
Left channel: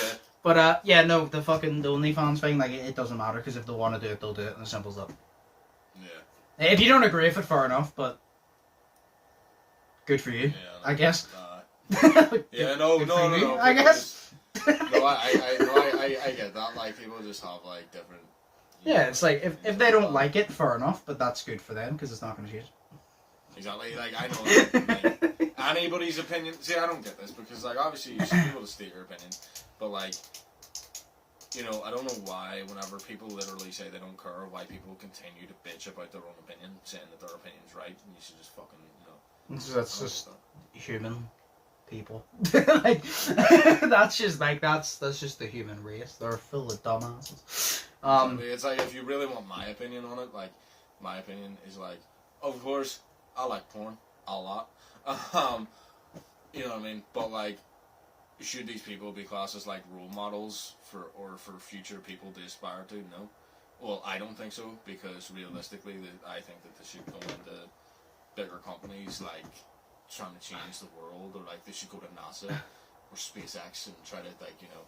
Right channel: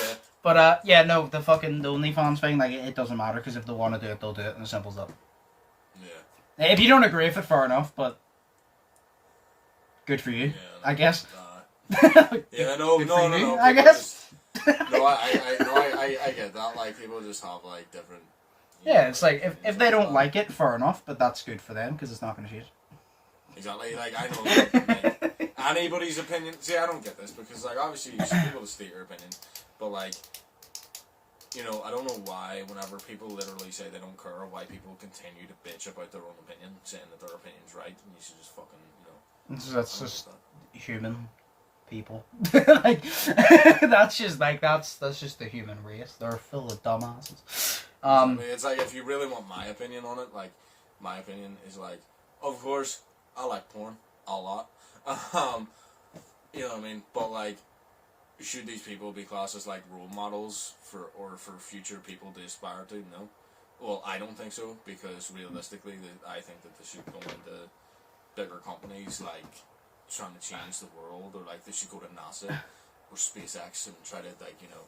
But, no, the OnlyFans thing, like, it doesn't matter, because if they want to do it, they'll do it, and as simple as that. Yeah. If you don't agree with it, fair enough, but good for you, I guess. Yeah, no, I guess. No, I get that, like, people just have, like, different... Yeah, it's like, if they don't like it, fair enough, but that's good for them, because it's not going to change. Exactly, like, I know, like, anybody's opinion. See, I don't get this because, like, obviously you should be able to state your opinion, but like, you know, I don't know why whenever people literally say they don't care, why people continue to bitch about their own opinion, saying that their opinion's right, and you should just fucking, you know. That's just human people. Like, that's just the human race. They're full of dumbasses. I mean, it's like, if you really want my opinion on it, like, my opinion is like, of course, I like porn a lot. You know what I mean? But like, should these people be classed as like role models for future people to aspire to? No. Well, I don't think so, because realistically, I think that they should go into bigger companies like trying to change the world, or like they should go to NASA or SpaceX and try to, like, you know,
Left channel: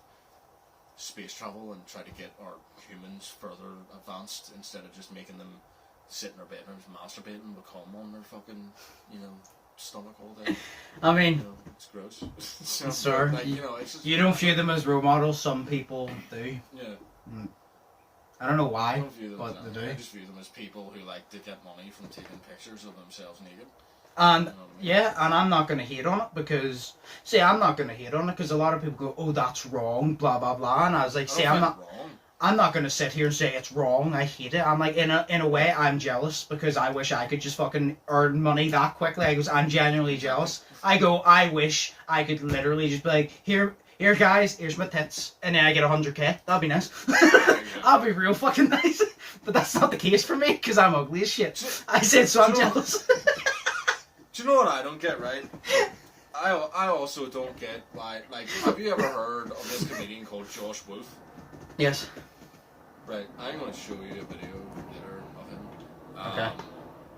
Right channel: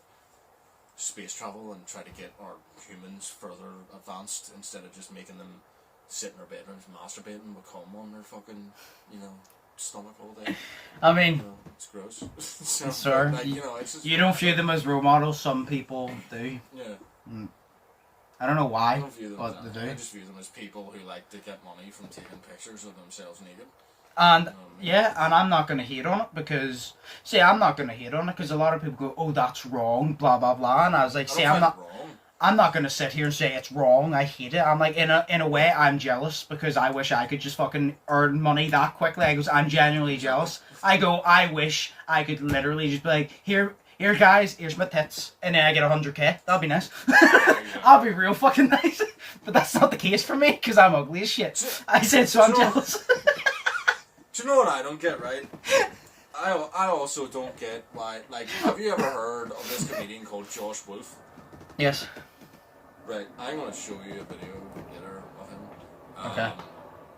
space travel and try to get our humans further advanced, instead of just making them sit in their bedrooms masturbating with cum on their fucking, you know, stomach all day. I mean, you know, it's gross. So, sir, like, you know, it's just, you don't view them as role models. Some people do. Yeah. I don't know why, I don't view them but as they do. I just view them as people who like to get money from taking pictures of themselves naked. And You know what I mean? yeah, and I'm not going to hate on it because, see, I'm not going to hate on it because a lot of people go, "Oh, that's wrong," blah blah blah, and I was like, I "See, don't I'm find not, it wrong. I'm not going to sit here and say it's wrong. I hate it. I'm like, in a way, I'm jealous because I wish I could just fucking earn money that quickly. I goes, I'm genuinely jealous. I go, I wish I could literally just be like, here guys, here's my tits, and then I get 100k. That'd be nice. I'll be real fucking nice. But that's not the case for me because I'm ugly as shit. I said, so I'm jealous. Do you know what I don't get, right? I also don't get why, like, have you ever heard of this comedian called Josh Wolf? Yes. Right, I'm going to show you a video later of him. Okay.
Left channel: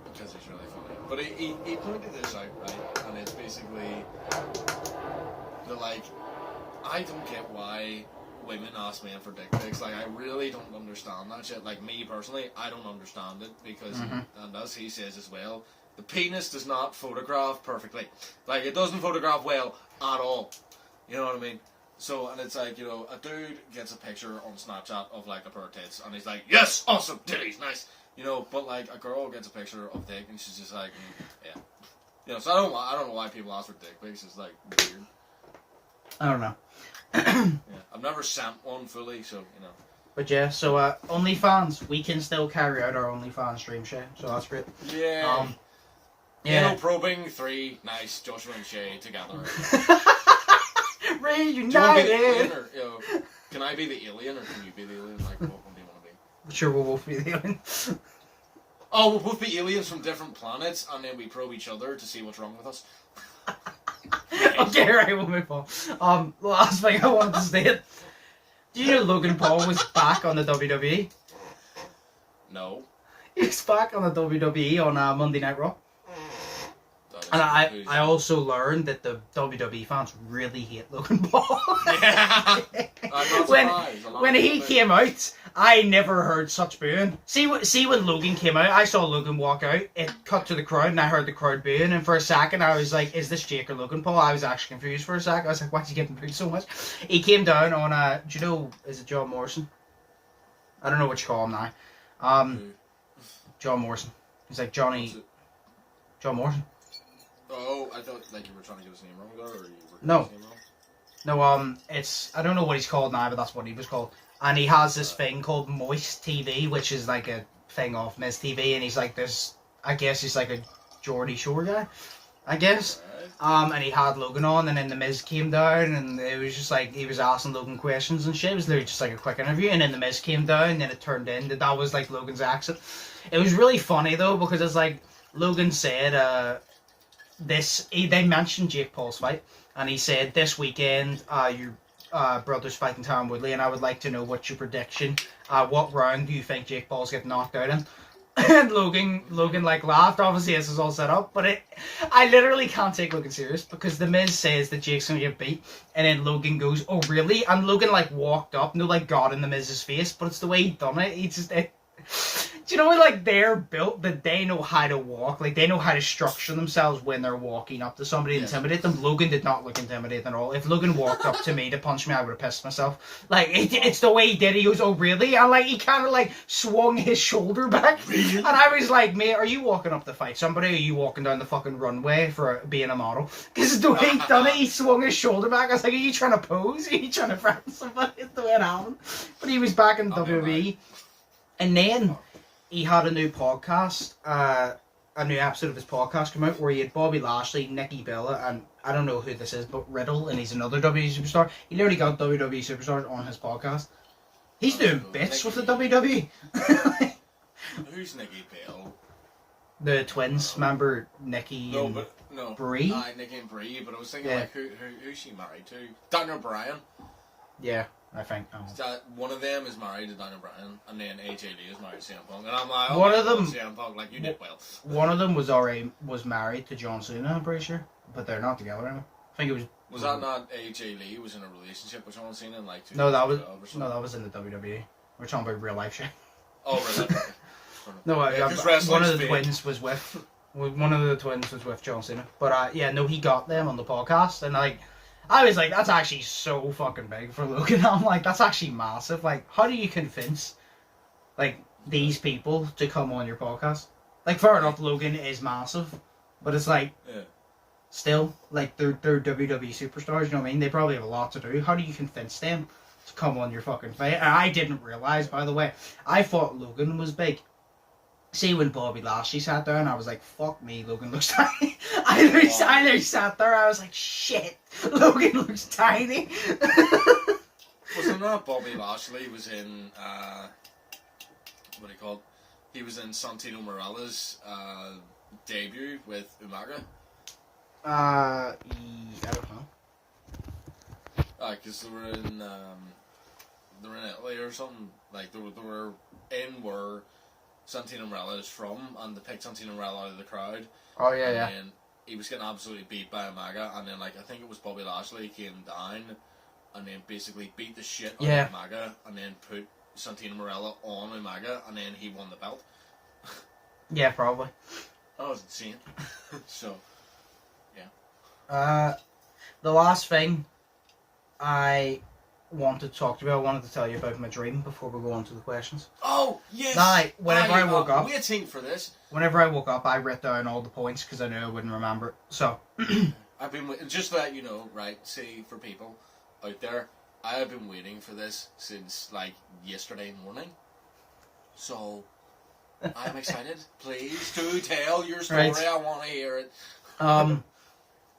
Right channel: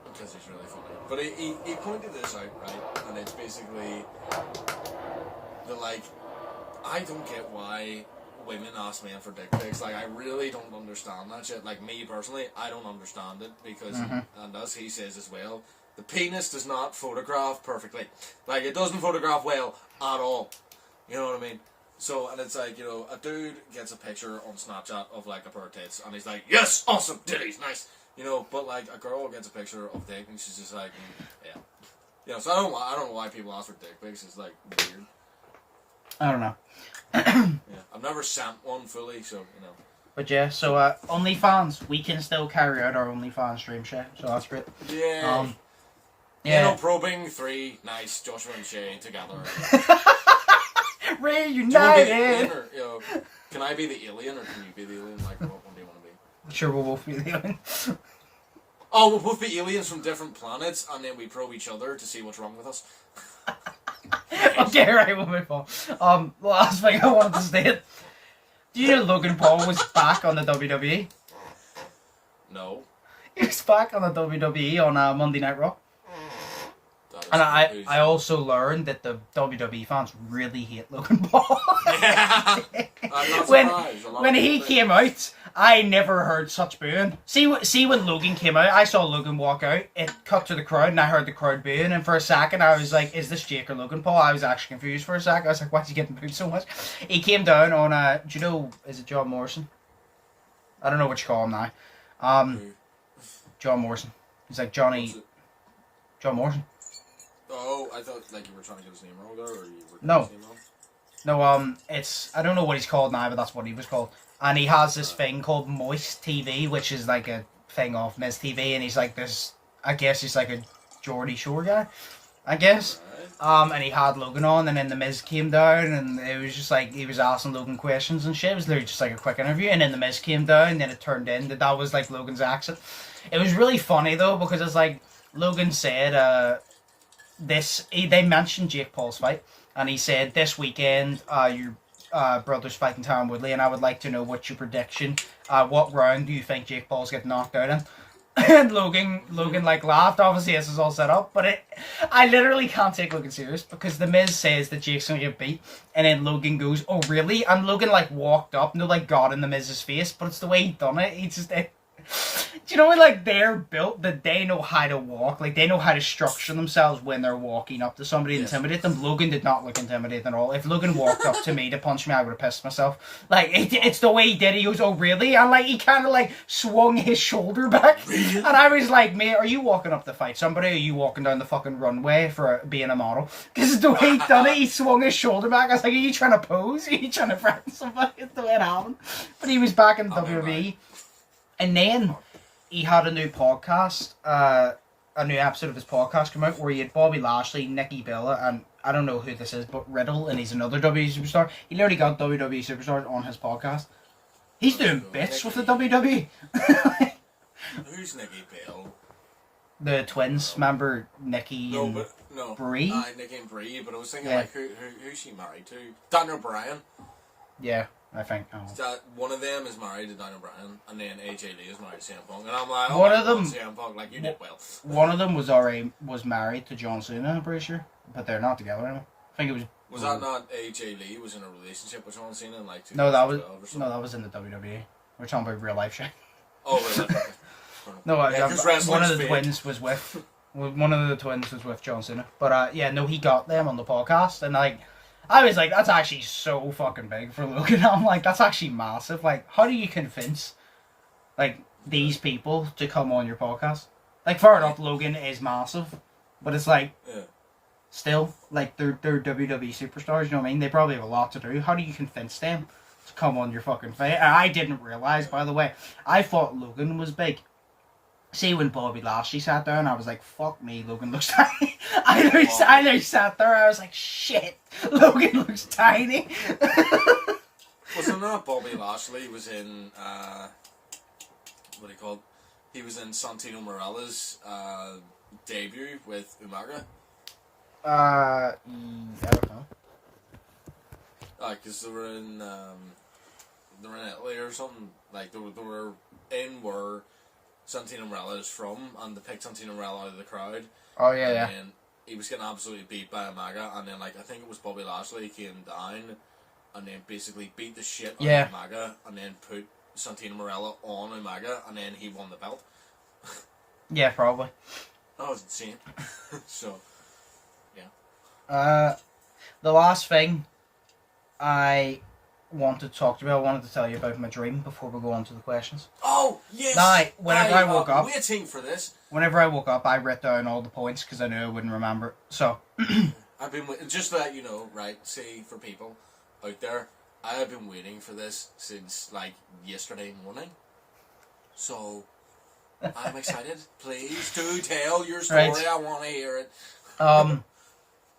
Because it's really funny. But he pointed this out, right? And it's basically, I don't get why women ask men for dick pics. Like, I really don't understand that shit. Like, me personally, I don't understand it because, and as he says as well, the penis does not photograph perfectly. Like, it doesn't photograph well at all. You know what I mean? So, and it's like, you know, a dude gets a picture on Snapchat of, like, a pair of tits, and he's like, yes, awesome, titties, nice. You know, but, like, a girl gets a picture of dick, and she's just like, yeah. You know, so I don't know why people ask for dick pics. It's, like, weird. I don't know. Yeah. I've never sent one fully, so, you know. But yeah, so OnlyFans, we can still carry out our OnlyFans stream share, so that's great. Yeah. Yeah. You know, probing 3, nice, Joshua and Shay together. Reunited! Or, you know, can I be the alien, or can you be the alien? Like, what one do you want to be? Sure, we'll both be the alien. Oh, we'll both be aliens from different planets, and then we probe each other to see what's wrong with us. Okay, right, we'll move on. The last thing I wanted to state. Do you know Logan Paul was back on the WWE? No. He was back on the WWE on Monday Night Raw. And I also learned that the WWE fans really hate Logan Paul. Yeah. I'm not surprised. When he came out, I never heard such booing. See when Logan came out, I saw Logan walk out, it cut to the crowd, and I heard the crowd booing, and for a second I was like, is this Jake or Logan Paul? I was actually confused for a second. I was like, why is he getting booed so much? He came down on, do you know, is it John Morrison? I don't know what you call him now. John Morrison. He's like John Morrison. Oh, I thought like you were trying to get his name wrong there, or you were No. his name wrong? No, it's, I don't know what he's called now, but that's what he was called. And he has this thing called Moist TV, which is like a thing off Miz TV, and he's like this, I guess he's like a Geordie Shore guy, I guess. Right. And he had Logan on, and then the Miz came down, and it was just like, he was asking Logan questions and shit. It was literally just like a quick interview, and then the Miz came down, and then it turned in that was like Logan's accent. It was really funny though, because it's like, Logan said, they mentioned Jake Paul's fight, and he said this weekend your brother's fighting Tyron Woodley, and I would like to know what's your prediction. What round do you think Jake Paul's getting knocked out in? And Logan like laughed. Obviously this is all set up, but I literally can't take Logan serious because the Miz says that Jake's gonna get beat, and then Logan goes, "Oh really?" And Logan like walked up, no, like got in the Miz's face, but it's the way he done it. He just Do you know, like, they're built that they know how to walk, like, they know how to structure themselves when they're walking up to somebody and intimidate them. Logan did not look intimidating at all. If Logan walked up to me to punch me, I would have pissed myself. Like, it's the way he did it. He goes, oh, really? And, like, he kind of, like, swung his shoulder back. And I was like, mate, are you walking up to fight somebody, or are you walking down the fucking runway for being a model? Because the way he done it, he swung his shoulder back. I was like, are you trying to pose? Are you trying to threaten somebody? It's the way it happened. But he was back in WWE. And then he had a new podcast, a new episode of his podcast come out where he had Bobby Lashley, Nikki Bella, and I don't know who this is, but Riddle, and he's another WWE superstar. He literally got WWE superstars on his podcast. He's doing bits with the WWE. Who's Nikki Bella? The twins, remember Nikki and Brie? Nikki and Brie, but I was thinking, like, who's she married to? Daniel Bryan. Yeah. I think one of them is married to Daniel Bryan, and then AJ Lee is married to CM Punk, and I'm like, one of them, CM Punk, like, you did well. One of them was married to John Cena, I'm pretty sure, but they're not together anymore. I think it was. Was that not AJ Lee was in a relationship with John Cena in like 2012 No, that was or something? no, that was in the WWE. We're talking about real life shit. Oh, real life. No, one of the twins was with John Cena, but he got them on the podcast, and like. I was like, that's actually so fucking big for Logan. I'm like, that's actually massive. Like, how do you convince, like, these people to come on your podcast? Like, fair enough, Logan is massive, but it's like, still, like, they're WWE superstars, you know what I mean? They probably have a lot to do. How do you convince them to come on your fucking fight? And I didn't realise, by the way, I thought Logan was big. See, when Bobby Lashley sat down, I was like, fuck me, Logan looks tiny. I literally sat there, I was like, shit, Logan looks tiny. Wasn't that Bobby Lashley was in, what do you call it? He was in Santino Marella's debut with Umaga. I don't know. Because they were in Italy or something. Like, they were in where Santino Marella is from, and they picked Santino Marella out of the crowd. Oh, yeah, and he was getting absolutely beat by Umaga, and then, like, I think it was Bobby Lashley came down, and then basically beat the shit out of Umaga, and then put Santino Marella on Umaga, and then he won the belt. Yeah, probably. That was insane. So, yeah. The last thing I wanted to talk to you about, I wanted to tell you about my dream before we go on to the questions. Oh, yes! Now, whenever I woke up... waiting for this. Whenever I woke up, I wrote down all the points because I knew I wouldn't remember it. So... I've been just to let you know, right, see, for people out there, I have been waiting for this since, like, yesterday morning. So, I'm excited. Please do tell your story. Right. I want to hear it.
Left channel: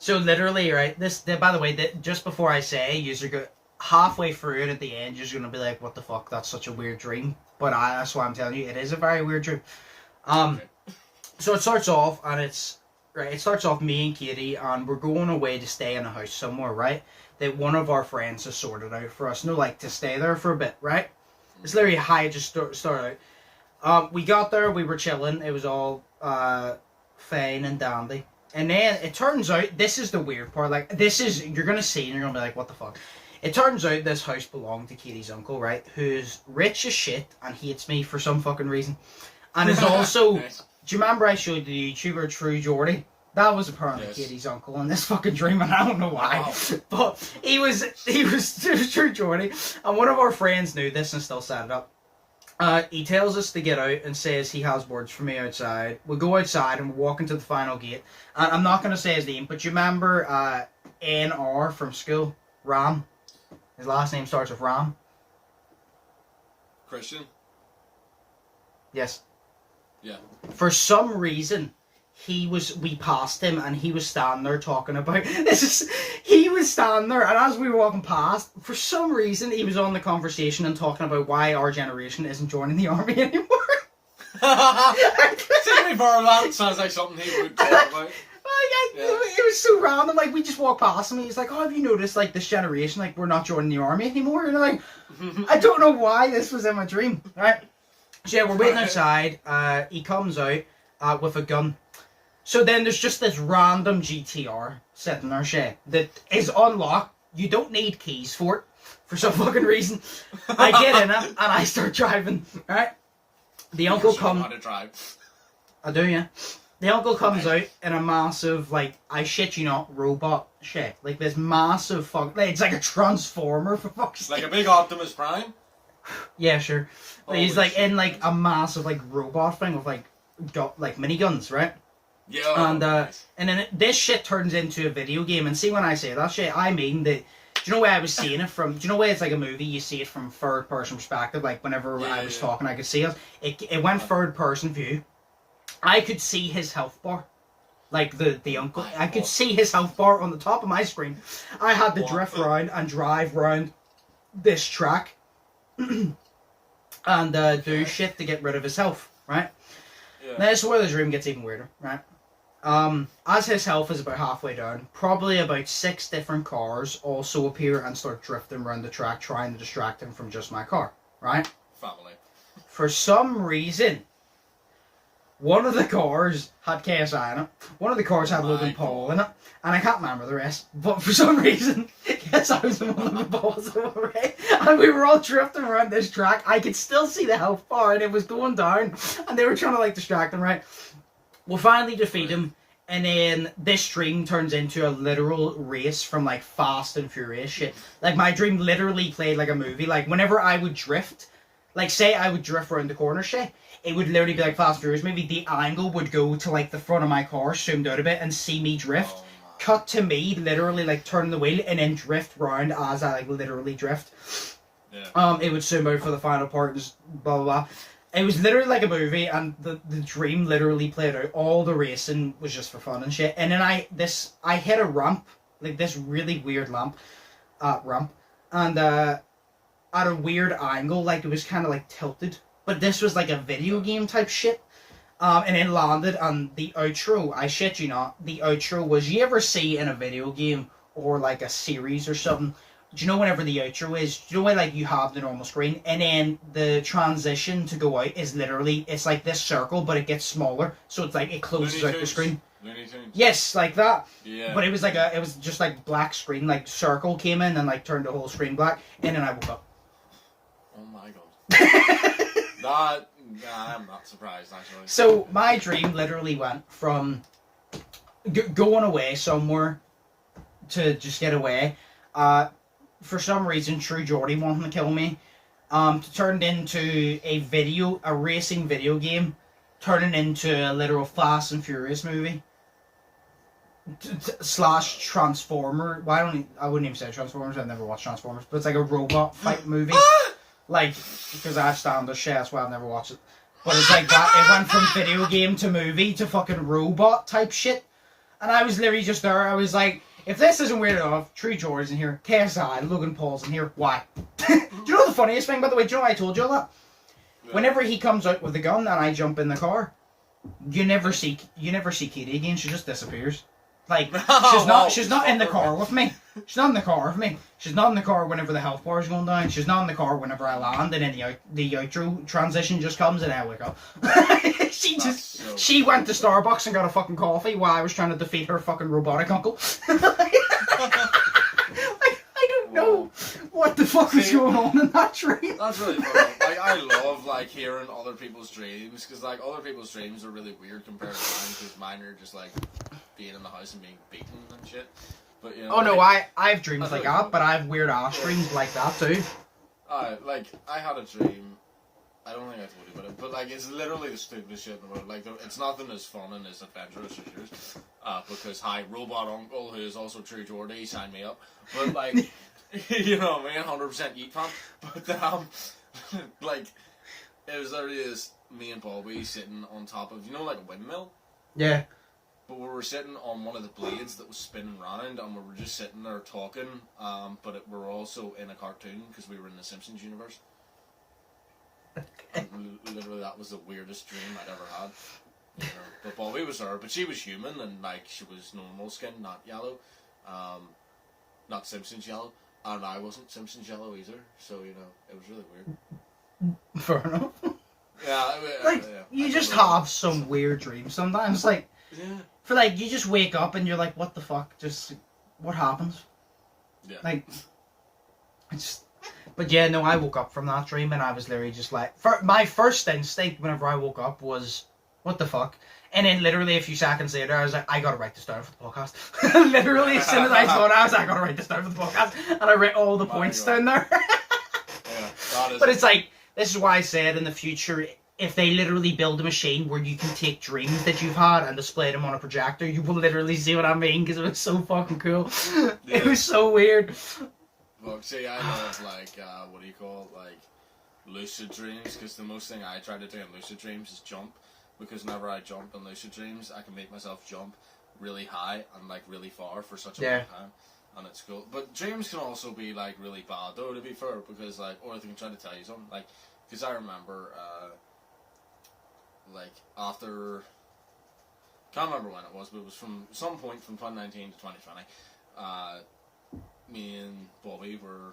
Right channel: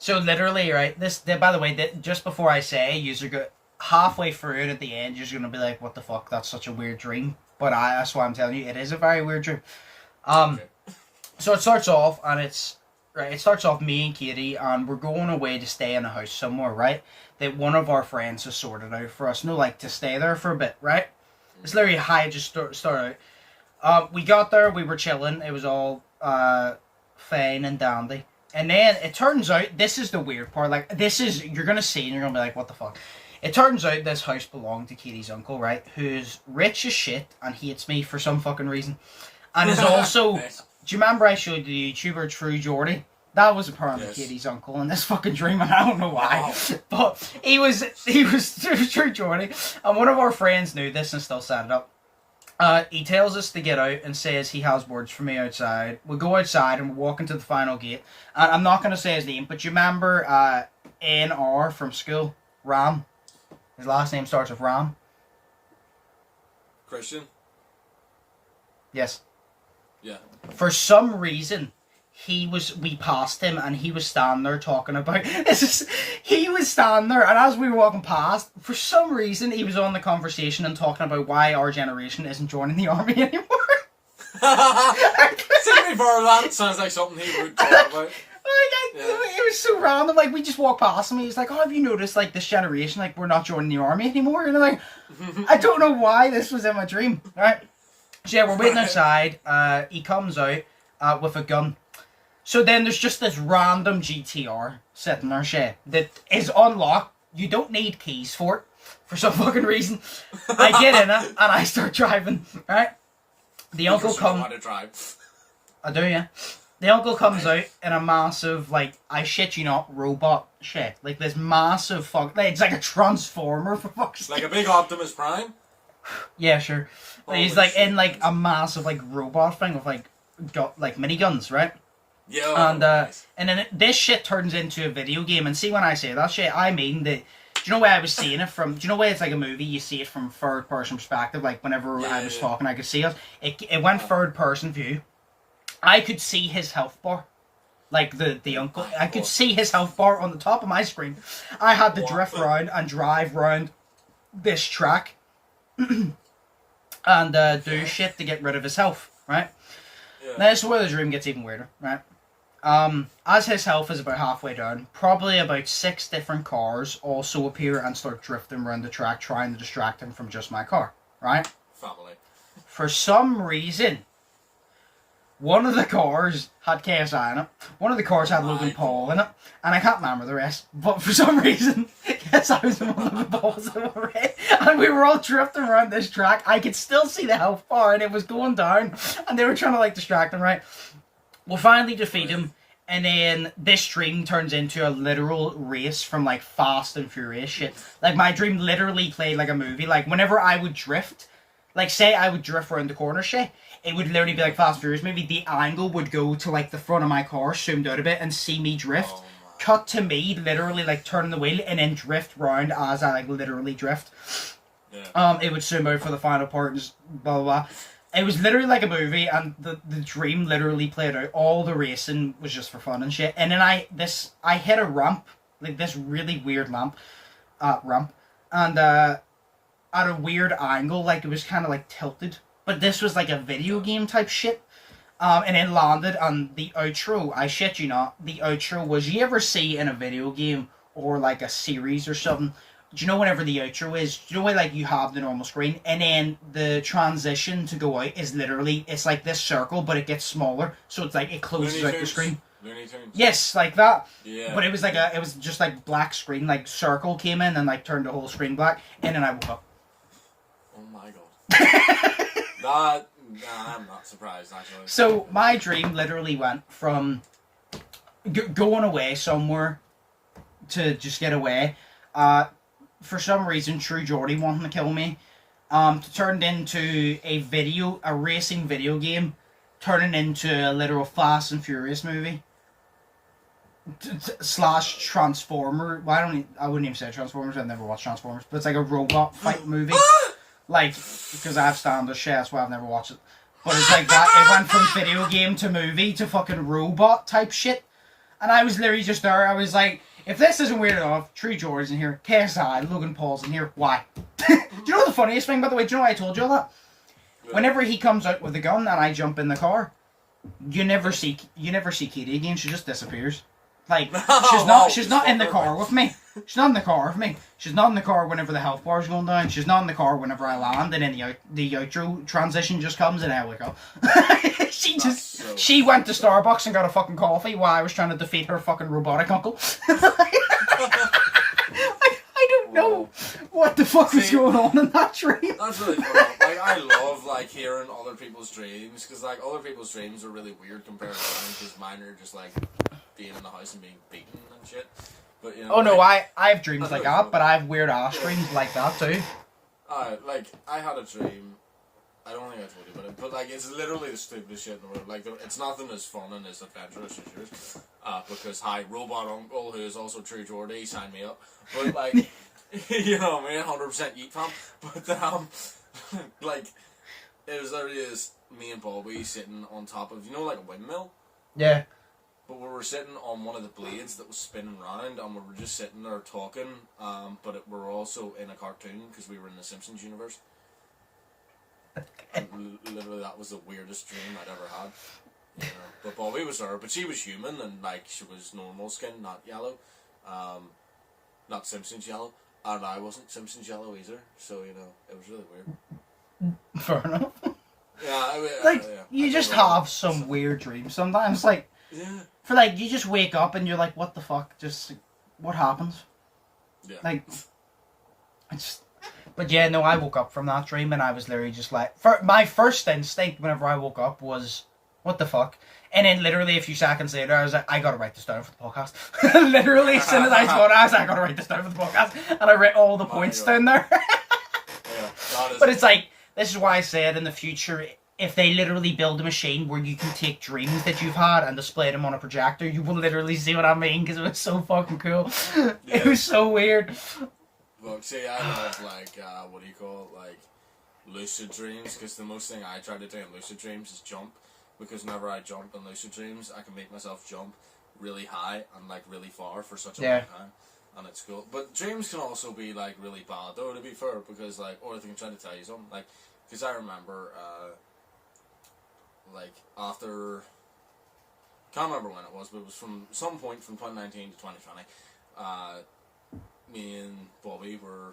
So literally, right, by the way, just before I say, you're go halfway through it at the end, you're going to be like, what the fuck, that's such a weird dream. But that's why I'm telling you, it is a very weird dream. Okay. So it starts off, and it starts off me and Katie, and we're going away to stay in a house somewhere, right? That one of our friends has sorted out for us. No, like, to stay there for a bit, right? It's literally how I just start out. We got there, we were chilling, it was all fine and dandy. And then it turns out, this is the weird part, like, you're going to see and you're going to be like, what the fuck? It turns out this house belonged to Katie's uncle, right? Who's rich as shit and hates me for some fucking reason. And is also, nice. Do you remember I showed the YouTuber True Geordie? That was apparently Katie's uncle in this fucking dream, and I don't know why. Oh. But he was True Geordie, and one of our friends knew this and still set it up. He tells us to get out and says he has words for me outside. We go outside and we walk into the final gate. And I'm not going to say his name, but you remember NR from school? Ram. His last name starts with Ram. Christian? Yes. Yeah. For some reason, we passed him and he was standing there talking about he was standing there, and as we were walking past, for some reason he was on the conversation and talking about why our generation isn't joining the army anymore. That sounds like something he would talk about. It was so random. Like, we just walked past him and he's like, oh, have you noticed, like, this generation, like, we're not joining the army anymore? And I'm like, I don't know why this was in my dream. Alright, so yeah, we're waiting outside. He comes out with a gun. So then there's just this random GTR sitting there, Shay, that is unlocked. You don't need keys for it, for some fucking reason. I get in it, and I start driving, right? The uncle Because you comes... want to drive. I do, yeah. The uncle comes out in a massive, like, I shit you not, robot shit. Like, this massive fuck... Like, it's like a transformer, for fuck's sake. Like a big Optimus Prime? Yeah, sure. Holy He's, like, shit. in, like, a massive, like, robot thing with, like, miniguns, right? Yeah. And then this shit turns into a video game. And see, when I say that shit, I mean that... Do you know where I was seeing it from? Do you know where it's like a movie, you see it from third-person perspective? Like, whenever I was talking, I could see it. It went third-person view. I could see his health bar. Like, the uncle. I could see his health bar on the top of my screen. I had to drift around and drive around this track and do shit to get rid of his health, right? Yeah. Now, this is where the dream gets even weirder, right? As his health is about halfway down, probably about 6 different cars also appear and start drifting around the track, trying to distract him from just my car, right? Family. For some reason, one of the cars had KSI in it, one of the cars had Logan Paul in it, and I can't remember the rest, but for some reason, KSI was in one of the balls already, and we were all drifting around this track. I could still see the health bar, and it was going down, and they were trying to, like, distract him, right? We'll finally defeat him, and then this dream turns into a literal race from, like, Fast and Furious shit. Like, my dream literally played like a movie. Like, whenever I would drift, like, say I would drift around the corner shit, it would literally be like Fast and Furious movie. The angle would go to, like, the front of my car, zoomed out a bit, and see me drift. Oh, Cut to me, literally, like, turning the wheel, and then drift round as I, like, literally drift. Yeah. It would zoom out for the final part, and just blah, blah, blah. It was literally like a movie, and the dream literally played out. All the racing was just for fun and shit. And then I hit a ramp, like this really weird ramp, and at a weird angle, like it was kind of like tilted. But this was like a video game type shit. And it landed, and the outro, I shit you not, the outro was, you ever see in a video game or like a series or something, do you know whenever the outro is, do you know when like you have the normal screen and then the transition to go out is literally, it's like this circle but it gets smaller, so it's like it closes out the screen. Looney Tunes. Yes, like that. Yeah. But it was like it was just like black screen, like circle came in and like turned the whole screen black, and then I woke up. Oh my god. I'm not surprised actually. So my dream literally went from going away somewhere to just get away. For some reason, True Geordie wanting to kill me. Turned into a racing video game, turning into a literal Fast and Furious movie. Slash Transformer. Well, I wouldn't even say Transformers. I've never watched Transformers, but it's like a robot fight movie. Like, because I have standards, shit, that's why I've never watched it. But it's like that. It went from video game to movie to fucking robot type shit. And I was literally just there. I was like, if this isn't weird enough, True Geordie's in here, KSI, Logan Paul's in here, why? Do you know the funniest thing, by the way? Do you know why I told you all that? Yeah. Whenever he comes out with a gun and I jump in the car, you never see Katie again. She just disappears. Like, she's not in the car with me. She's not in the car with me. She's not in the car whenever the health bar is going down. She's not in the car whenever I land, and then the outro transition just comes and I wake up. She went to Starbucks and got a fucking coffee while I was trying to defeat her fucking robotic uncle. I don't know what the fuck was going on in that dream. That's really funny. Like, I love like hearing other people's dreams, because like other people's dreams are really weird compared to mine, because mine are just like being in the house and being beaten and shit. But you know. Oh no, I have dreams like that, but I have weird ass dreams like that too. Like I had a dream. I don't think I told you about it, but like it's literally the stupidest shit in the world. Like it's nothing as fun and as adventurous as yours. Because hi, robot uncle, who is also True Geordie, sign me up. But like, you know what I mean, 100% Yeet fan. But like, it was literally this me and Bobby sitting on top of, you know, like a windmill. Yeah. But we were sitting on one of the blades that was spinning round, and we were just sitting there talking. But we were also in a cartoon because we were in the Simpsons universe. And literally, that was the weirdest dream I'd ever had. You know, but Bobby was there, but she was human, and like she was normal skin, not yellow, not Simpsons yellow, and I wasn't Simpsons yellow either. So you know, it was really weird. Fair enough. Yeah, you just have some weird dreams sometimes. Like, for like you just wake up and you're like, what the fuck? Just what happens? Yeah. Like, it's But yeah, no, I woke up from that dream and I was literally just like, my first instinct whenever I woke up was, what the fuck? And then literally a few seconds later, I was like, I gotta write this down for the podcast. Literally, as soon as I thought, I was like, I gotta write this down for the podcast. And I wrote all the points down there. But it's like, this is why I said in the future, if they literally build a machine where you can take dreams that you've had and display them on a projector, you will literally see what I mean, because it was so fucking cool. Yeah. It was so weird. Well, see, I love, like, what do you call it, like, lucid dreams, because the most thing I try to do in lucid dreams is jump, because whenever I jump in lucid dreams, I can make myself jump really high and, like, really far for such a long time, and it's cool. But dreams can also be, like, really bad, though, to be fair, because, like, or they can try to tell you something, like, because I remember, like, after, can't remember when it was, but it was from some point from 2019 to 2020, me and Bobby were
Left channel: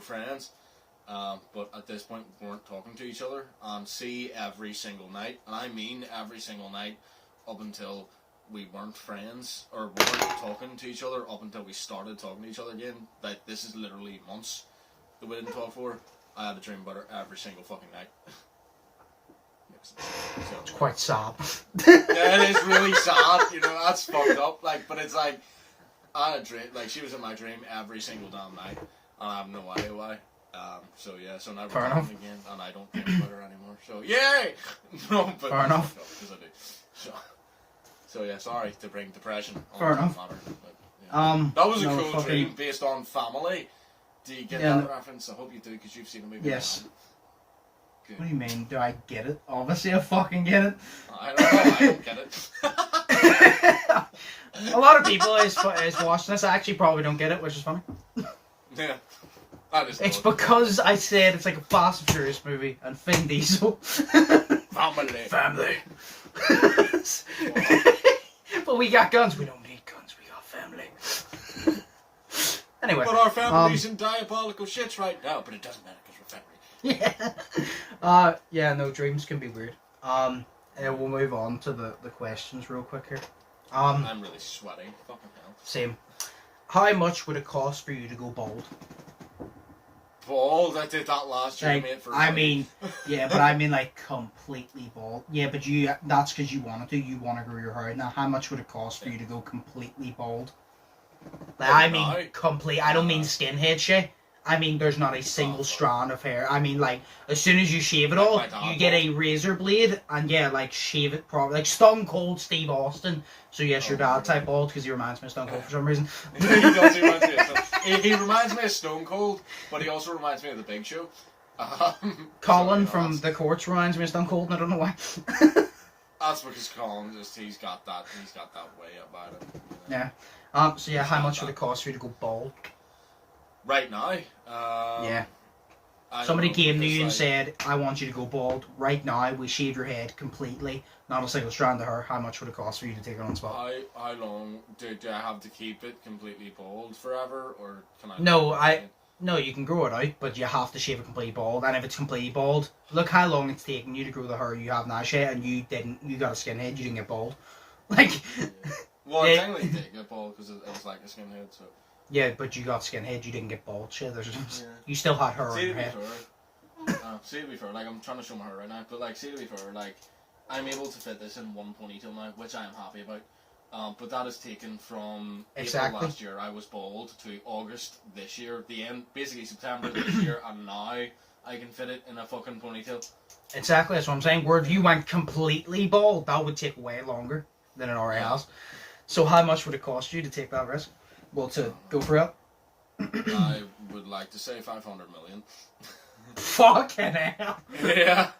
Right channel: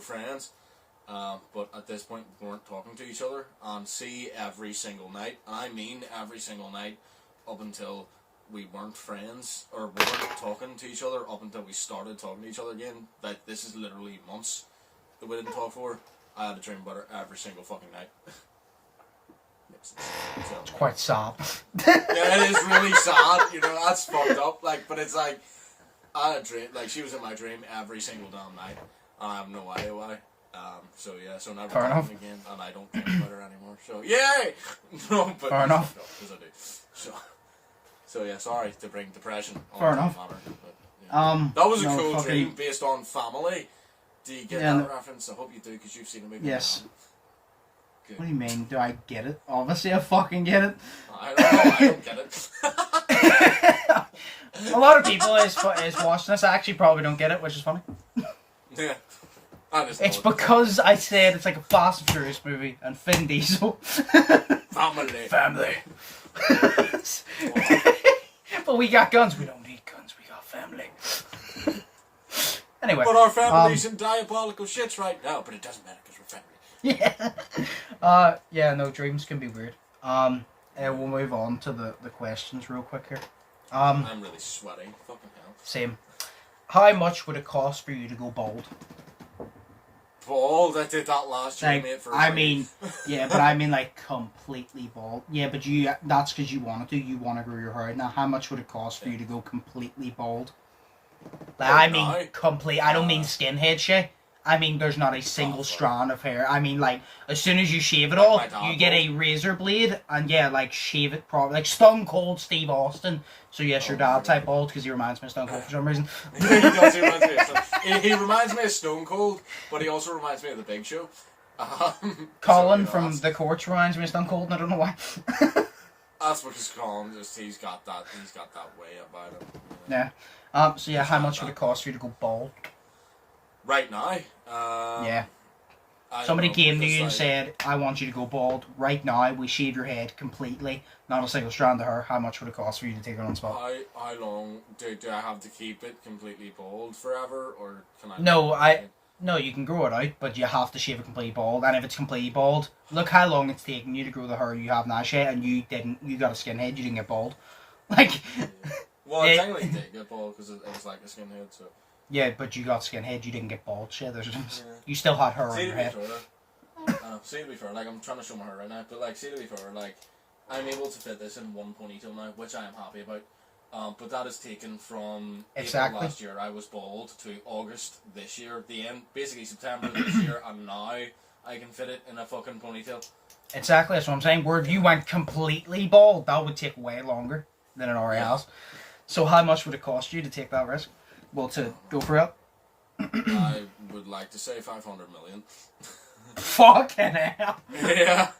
friends, but at this point we weren't talking to each other, and see every single night, and I mean every single night, up until we weren't friends, or we weren't talking to each other, up until we started talking to each other again, like, this is literally months that we didn't talk for. I had a dream about her every single fucking night. It's quite sad. Yeah, it is really sad, you know, that's fucked up, like, but it's like, I had a dream, like, she was in my dream every single damn night, and I have no idea why. So yeah, so now we're talking again, and I don't think about her anymore, so yay! No, but fair enough. Because I do. So yeah, sorry to bring depression on fair enough. Matter, but, yeah. That was a cool fucking dream based on family. Do you get that reference? I hope you do, because you've seen the movie. Yes. What do you mean? Do I get it? Obviously I fucking get it. I don't know, I don't get it. A lot of people is watching this actually probably don't get it, which is funny. Yeah. It's because I said it's like a Fast and Furious movie and Vin Diesel. Family. But we got guns. We don't need guns. We got family. Anyway. But our family's in diabolical shits right now, but it doesn't matter because we're family. Yeah. Yeah, no, dreams can be weird. And we'll move on to the questions real quick here. I'm really sweaty. Fucking hell. Same. How much would it cost for you to go bald? Bald? I did that last year, like, mate, for I mean, yeah, but I mean, like, completely bald. Yeah, but that's because you wanted to. You want to grow your hair. Now, how much would it cost for you to go completely bald? Like, I mean, complete. I don't mean skinhead shit. I mean, there's not a single strand of hair. I mean, like, as soon as you shave it all, you get a razor blade, and yeah, like, shave it properly. Like, Stone Cold Steve Austin. So, yes, your dad type bald, because he reminds me of Stone Cold for some reason. He reminds me of Stone Cold, but he also reminds me of The Big Show. Colin from The Courts reminds me of Stone Cold, and I don't know why. That's because Colin, he's got that way about him. You know? Yeah. So, yeah, how much would it cost for you to go bald? Right now? Yeah. Somebody came to you and said, I want you to go bald. Right now, we shave your head completely. Not a single strand of hair. How much would it cost for you to take it on the spot? How long do I have to keep it completely bald forever? Or can I... No, you can grow it out, but you have to shave it completely bald. And if it's completely bald, look how long it's taken you to grow the hair you have now, Shay, and you got a skinhead, you didn't get bald. Like... Well, I technically did get bald because it was like a skinhead, so... Yeah, but you got skinhead, you didn't get bald, Shay. You still had hair on your head. See, to be fair, like, I'm trying to show my hair right now, but, like, see, to be fair, like, I'm able to fit this in one ponytail now, which I am happy about. But that is taken from April last year, I was bald, to August this year, the end, basically September this year, and now I can fit it in a fucking ponytail. Exactly, that's what I'm saying. Where if you went completely bald, that would take way longer than it already has. So how much would it cost you to take that risk? Well, to go for it? I would like to say 500 million. Fucking hell. Yeah.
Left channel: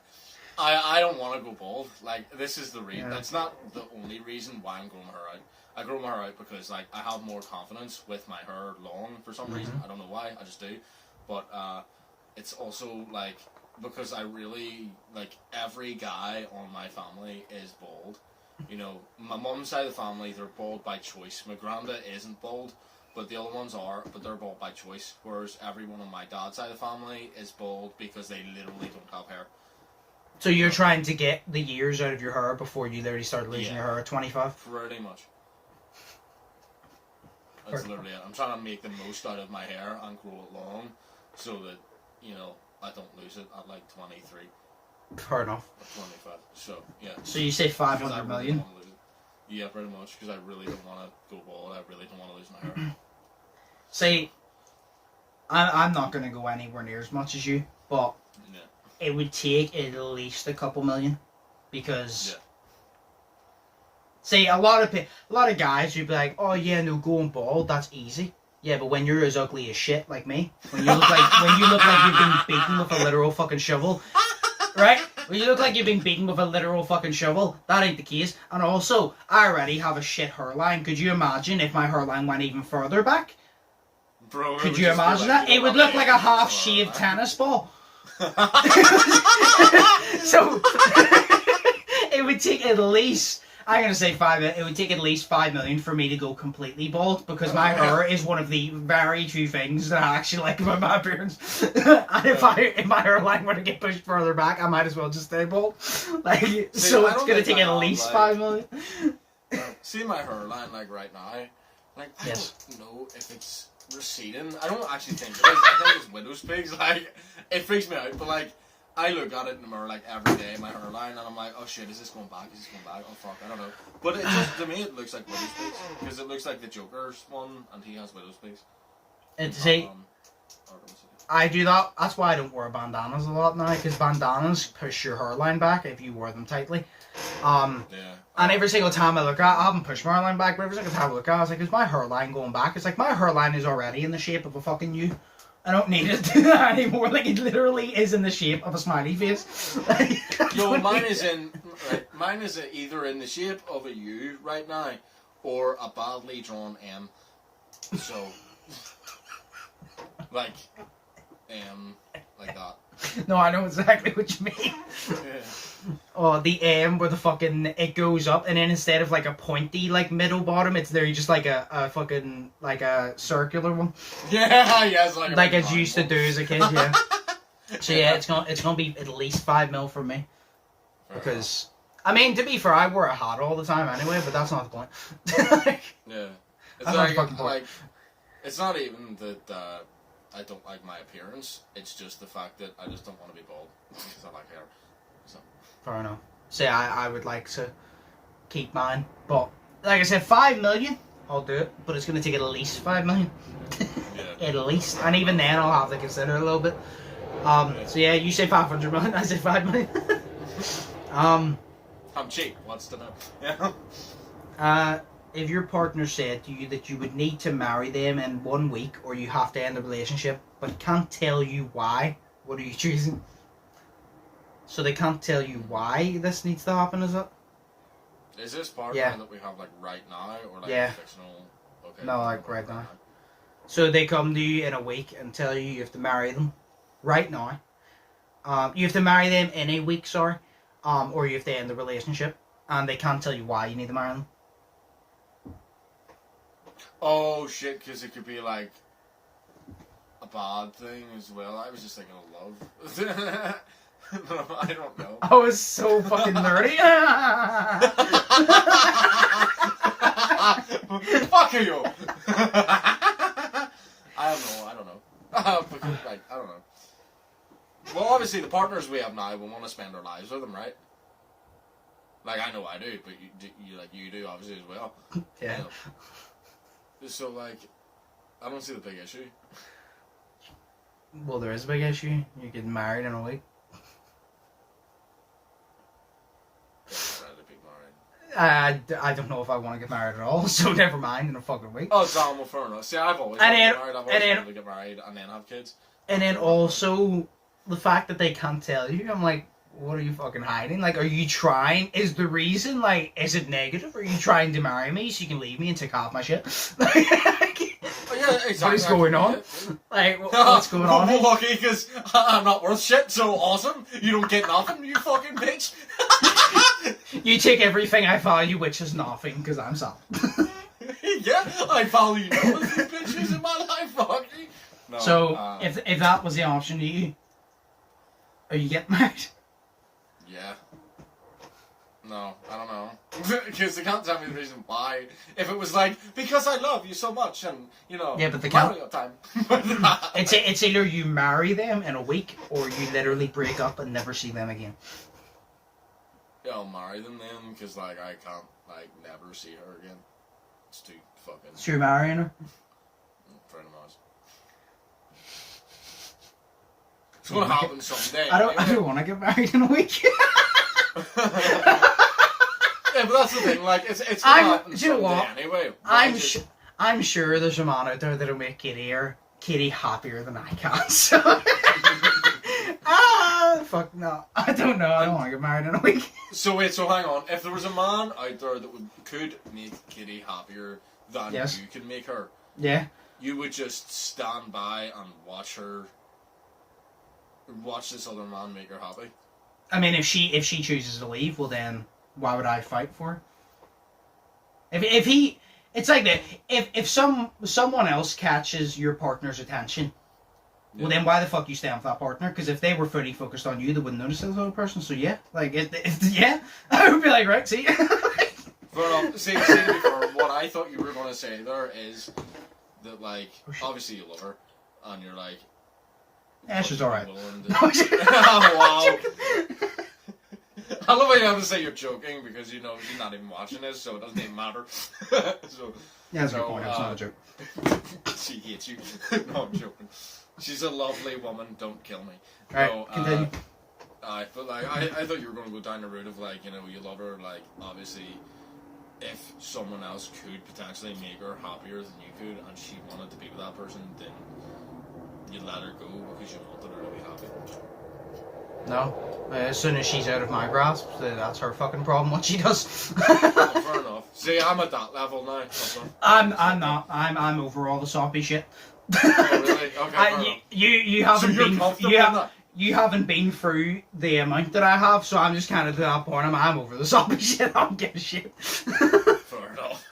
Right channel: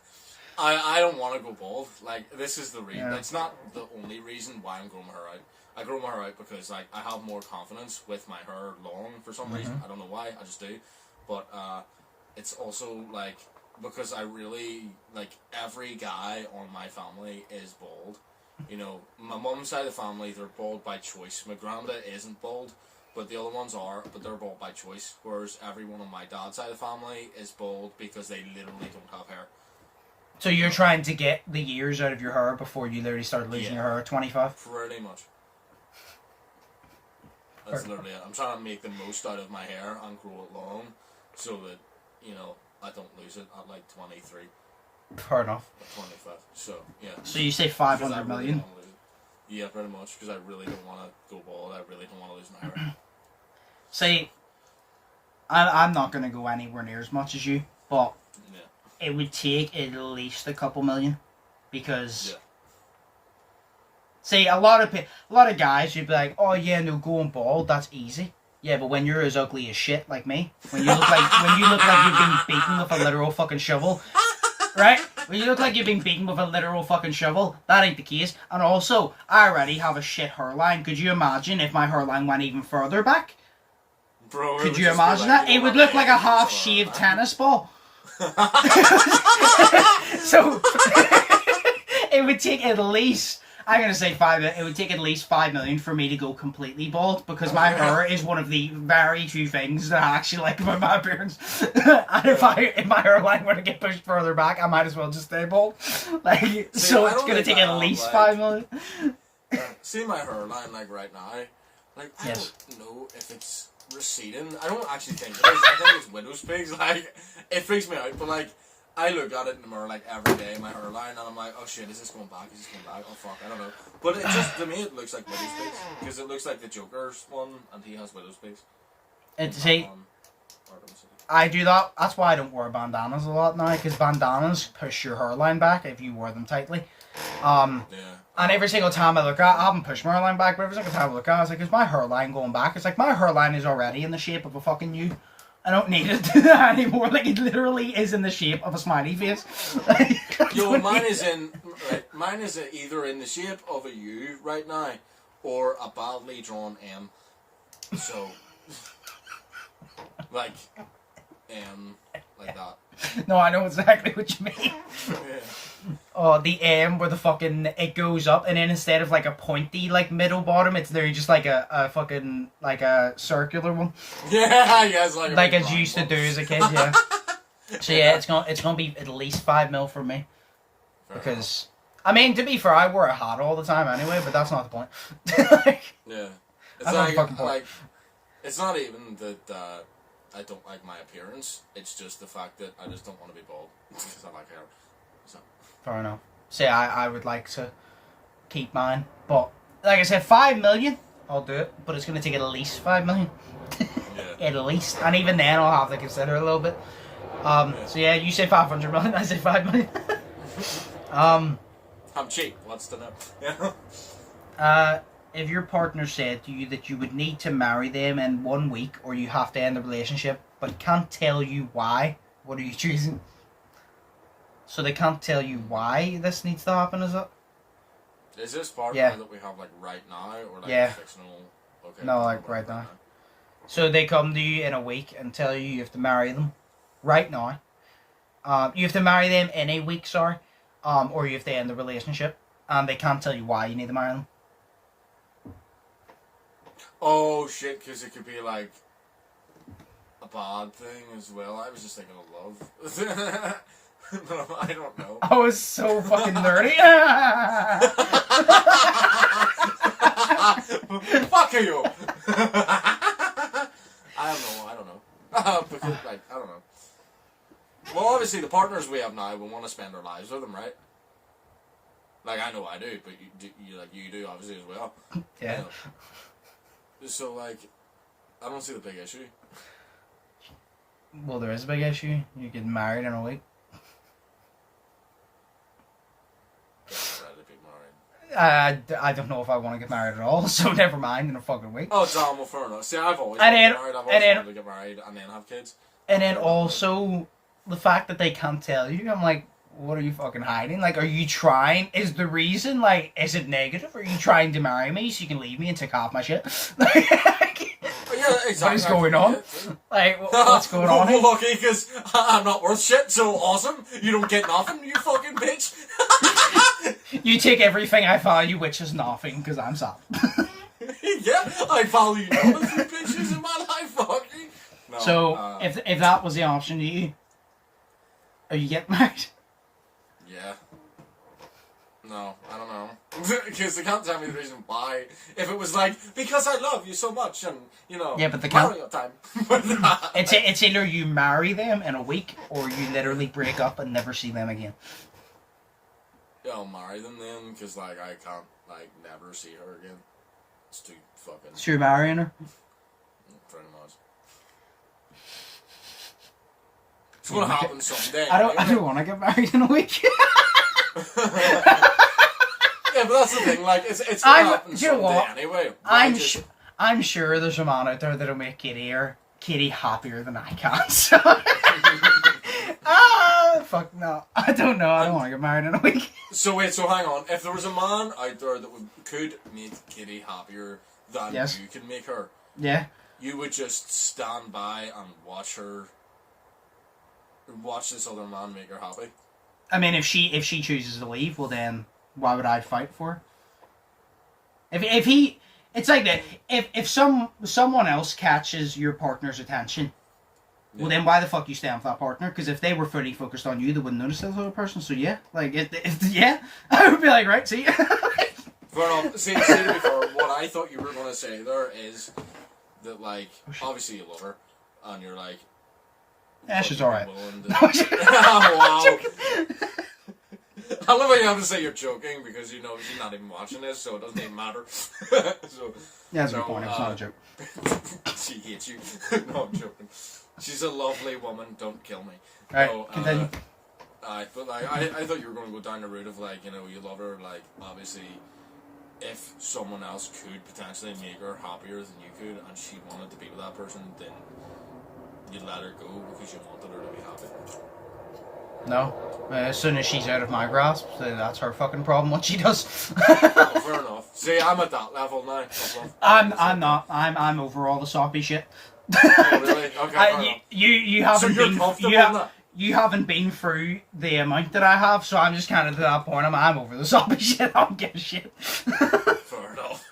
I don't want to go bald. Like, this is the reason. Yeah. It's not the only reason why I'm growing my hair out. I grow my hair out because, like, I have more confidence with my hair long for some reason. I don't know why. I just do. But it's also, like, because I really, like, every guy on my family is bald. You know, my mum's side of the family, they're bald by choice. My granda isn't bald, but the other ones are, but they're bald by choice. Whereas everyone on my dad's side of the family is bald because they literally don't have hair. So you're trying to get the years out of your hair before you literally start losing your hair at 25? Pretty much. That's literally it. I'm trying to make the most out of my hair and grow it long so that you know, I don't lose it at like 23 Fair enough. or 25. So, yeah. So you say Because I 500 really million? don't wanna lose it. Yeah, pretty much, because I really don't want to go bald. I really don't want to lose my hair. See, I'm not going to go anywhere near as much as you, but Yeah. it would take at least a couple million, because... Yeah. See, a lot of guys, you'd be like, oh yeah, no, going bald, that's easy. Yeah, but when you're as ugly as shit like me, when you look like you've been beaten with a literal fucking shovel, right? When you look like you've been beaten with a literal fucking shovel, that ain't the case. And also, I already have a shit hairline. Could you imagine if my hairline went even further back? Bro, Could you imagine that? It would look like a half-shaved tennis ball. So, it would take at least... I'm going to say 5 million. It would take at least 5 million for me to go completely bald, because my hair is one of the very few things that I actually like about my appearance. And if my hairline were to get pushed further back, I might as well just stay bald. Like, See, so it's going to take at least 5 million. See my hairline, like, right now? Like, I Yes. don't know if it's receding. I don't actually think it is. I think it's widow's pigs. Like, it freaks me out, but, like, I look at it in the mirror like every day, my hairline, and I'm like, oh shit, is this going back? Is this going back? Oh fuck, I don't know. But it just, to me, it looks like widow's pigs, because it looks like the Joker's one, and he has widow's pigs. See, I do that. That's why I don't wear bandanas a lot now, because bandanas push your hairline back if you wear them tightly. Yeah. And every single time I look at it, I haven't pushed my hairline back, but every single time I look at it, I was like, is my hairline going back? It's like, my hairline is already in the shape of a fucking U. I don't need it to do that anymore. Like, it literally is in the shape of a smiley face. Yo, mine is either in the shape of a U right now, or a badly drawn M. So, like that. No, I know exactly what you mean. Yeah. Oh, the M where the fucking, it goes up, and then instead of like a pointy, like, middle bottom, it's there just like a fucking, like a circular one. Yeah, it's like as you used to do as a kid, yeah. So yeah, it's gonna be at least 5 mil from me. Because, I mean, to be fair, I wear a hat all the time anyway, but that's not the point. Yeah. It's That's not the fucking point. like, it's not even that I don't like my appearance, it's just the fact that I just don't want to be bald. Because I like hair. So. Fair enough. See, I would like to keep mine, but like I said, 5 million, I'll do it, but it's going to take at least 5 million. Yeah. At least, and even then I'll have to consider a little bit. So yeah, you say 500 million, I say 5 million. I'm cheap, what's to know? If your partner said to you that you would need to marry them in 1 week, or you have to end the relationship, but can't tell you why, what are you choosing? So they can't tell you why this needs to happen, is it? Is this partner Yeah. that we have like right now, or like Yeah. fictional? Okay. No, like right now. So they come to you in a week and tell you you have to marry them right now. You have to marry them in a week, sorry. Or you have to end the relationship, and they can't tell you why you need to marry them. Oh shit, because it could be like a bad thing as well. I was just thinking of love. No, I don't know. I was so fucking nerdy. Fuck you! I don't know. Because, like, I don't know. Well, obviously, the partners we have now, we want to spend our lives with them, right? Like, I know I do, but you do, obviously, as well. Yeah. You know? So, like, I don't see the big issue. Well, there is a big issue. You get married in a week. I don't know if I want to get married at all, so never mind in a fucking week. Oh, damn, well, fair enough. See, I've always wanted to get married. I've always wanted to get married and then have kids. And then also, the fact that they can't tell you, I'm like, what are you fucking hiding? Like, are you trying? Is the reason, like, is it negative? Are you trying to marry me so you can leave me and take off my shit? Yeah, exactly. What is going on? Like, what's going on? Well, lucky, because I'm not worth shit, so awesome. You don't get nothing, you fucking bitch. You take everything I value, which is nothing, because I'm sad. Yeah, I value none of you bitches in my life, fuck you. No, so, if that was the option to you, are you getting married? Yeah. No, I don't know. Because they can't tell me the reason why. If it was like, because I love you so much and, you know, yeah, but they can't. Mario time. It's either you marry them in a week or you literally break up and never see them again. Yeah, I'll marry them then, because, like, I can't, like, never see her again. It's too fucking... So you're marrying her? Pretty much. It's gonna happen someday. I don't want to get married in a week. Yeah, but that's the thing, like, it's gonna happen someday anyway. I'm sure there's a man out there that'll make Katie happier than I can, so... fuck no. I don't know, I don't want to get married in a week. So wait, so hang on. If there was a man out there that could make Katie happier than you can make her, yeah, you would just stand by and watch this other man make her happy. I mean, if she chooses to leave, well then, why would I fight for her? If he, it's like that. If someone else catches your partner's attention, well then why the fuck you stay with that partner? Because if they were fully focused on you, they wouldn't notice the other person. So yeah, like yeah, I would be like, right, see. Fair enough. See, to be fair, what I thought you were going to say there is that, like, obviously you love her, and you're like, yeah, she's alright. Wow. I love how you have to say you're joking because you know she's not even watching this, so it doesn't even matter. So, yeah, that's a good point. It's not a joke. She hates you. No, I'm joking. She's a lovely woman. Don't kill me. Alright, no, continue. I thought you were going to go down the route of, like, you know, you love her, like, obviously, if someone else could potentially make her happier than you could, and she wanted to be with that person, then you let her go because you wanted her to be happy. No. As soon as she's out of my grasp, that's her fucking problem. What she does. Oh, fair enough. See, I'm at that level now. I'm not. I'm over all the soppy shit. Oh really? Okay. You haven't been. You haven't been through the amount that I have, so I'm just kind of to that point. I'm over the soppy shit. I don't give a shit. Fair enough.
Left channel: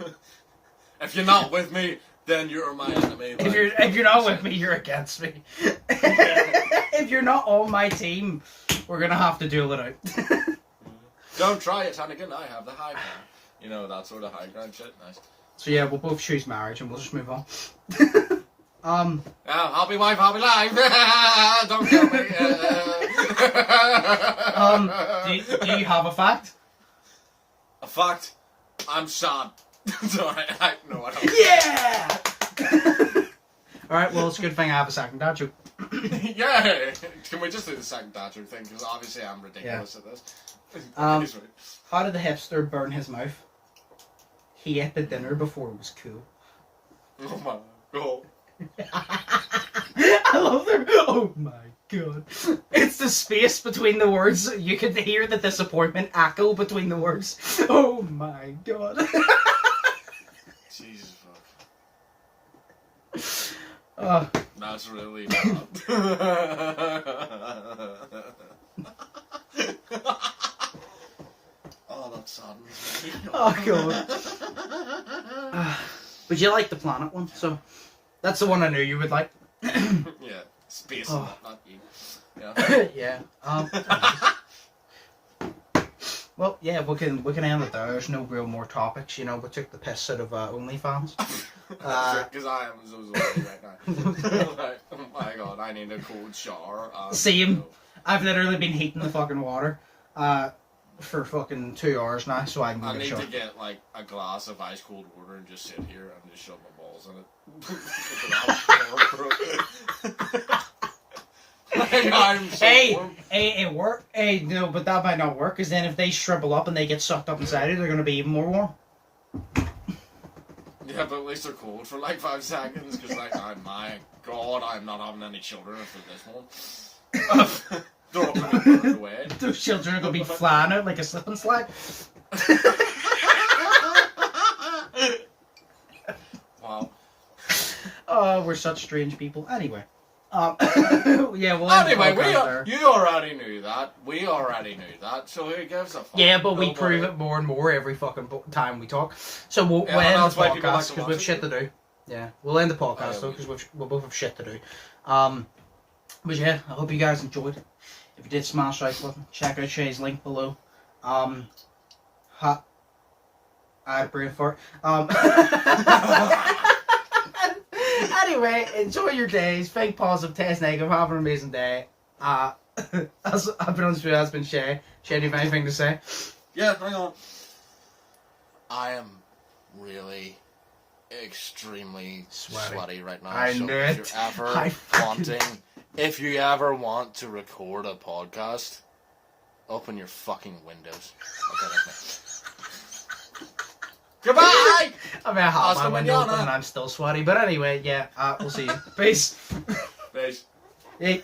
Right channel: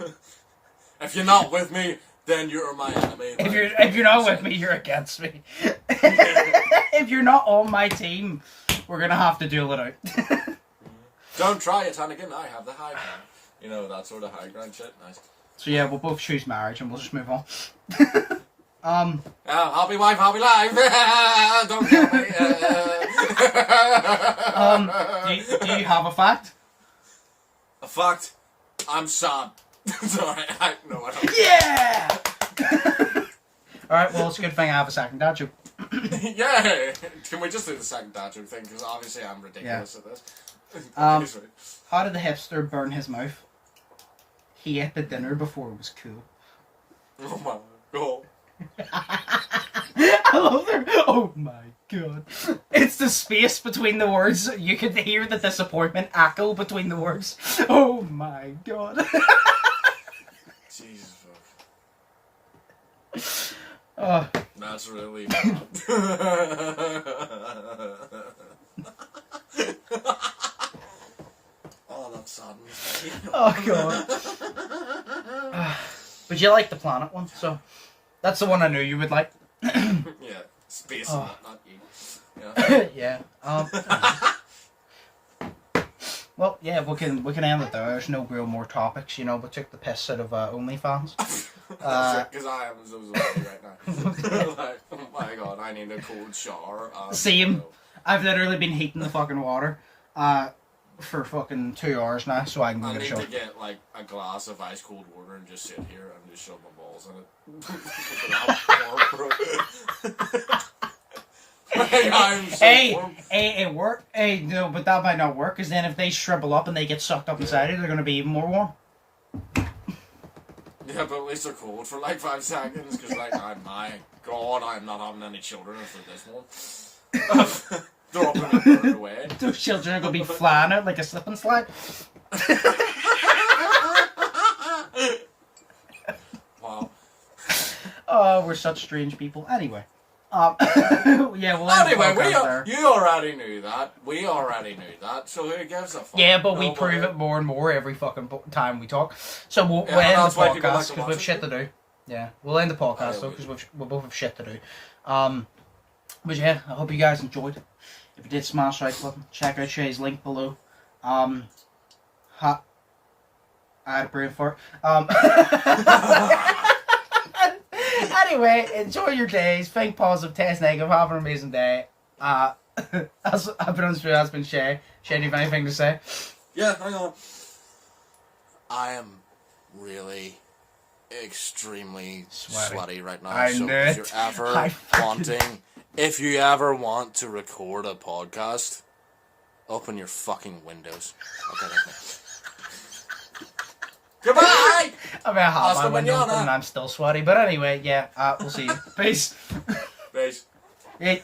If you're not with me, then you're my enemy. If you're not with me, you're against me. If you're not on my team, we're gonna have to duel it out. Don't try it, Hannigan. I have the high ground. You know, that sort of high ground shit. Nice. So yeah, we'll both choose marriage, and we'll just move on. Happy wife, happy life. Don't kill me. Do you have a fact? A fact? I'm sad. Sorry, no, I don't. Yeah! Alright, well, it's a good thing I have a second dad joke. Yeah! Can we just do the second dad joke thing? Because obviously I'm ridiculous at this. How did the hipster burn his mouth? He ate the dinner before it was cool. Oh my god. I love that. Oh my god. It's the space between the words. You could hear the disappointment echo between the words. Oh my god. Jesus fuck. Oh. That's really bad. Oh, that saddens me. Oh god. But you like the planet one, so that's the one I knew you would like. Yeah, space and not you. Yeah. Yeah. Well, yeah, we can end it there. There's no real more topics, you know. We took the piss out of OnlyFans. Because I am so sorry right now. Like, oh my god, I need a cold shower. Same. I've literally been heating the fucking water for fucking 2 hours now, so I can go get a shower. I need to get like a glass of ice cold water and just sit here and just shove my balls in it. Like, I'm so warm. It work. Hey, no, but that might not work, because then if they shrivel up and they get sucked up inside it, they're going to be even more warm. Yeah, but at least they're cold for like 5 seconds, because like, oh my god, I'm not having any children for this one. They're all going to burn away. Those children are going to be flying out like a slip and slide. Wow. Oh, we're such strange people. Anyway. Yeah, well, anyway, you already knew that. We already knew that. So who gives a fuck? Yeah, but we prove it more and more every fucking time we talk. So we'll end the podcast because we've shit to do. Yeah, we'll end the podcast though because we'll both have shit to do. But yeah, I hope you guys enjoyed. If you did, smash the like button. Check out Shea's link below. Ha. I had brain fart. Anyway, enjoy your days. Think positive, test negative. Have an amazing day. I've been Undisputed. That's been Shay. Shay, do you have anything to say? Yeah, hang on. I am really extremely sweaty right now. I knew if it. you're ever if you ever want to record a podcast, open your fucking windows. Okay, that's me. Goodbye! I mean, I have my window mañana. open and I'm still sweaty. But anyway, yeah, we'll see you. Peace. Peace. Hey.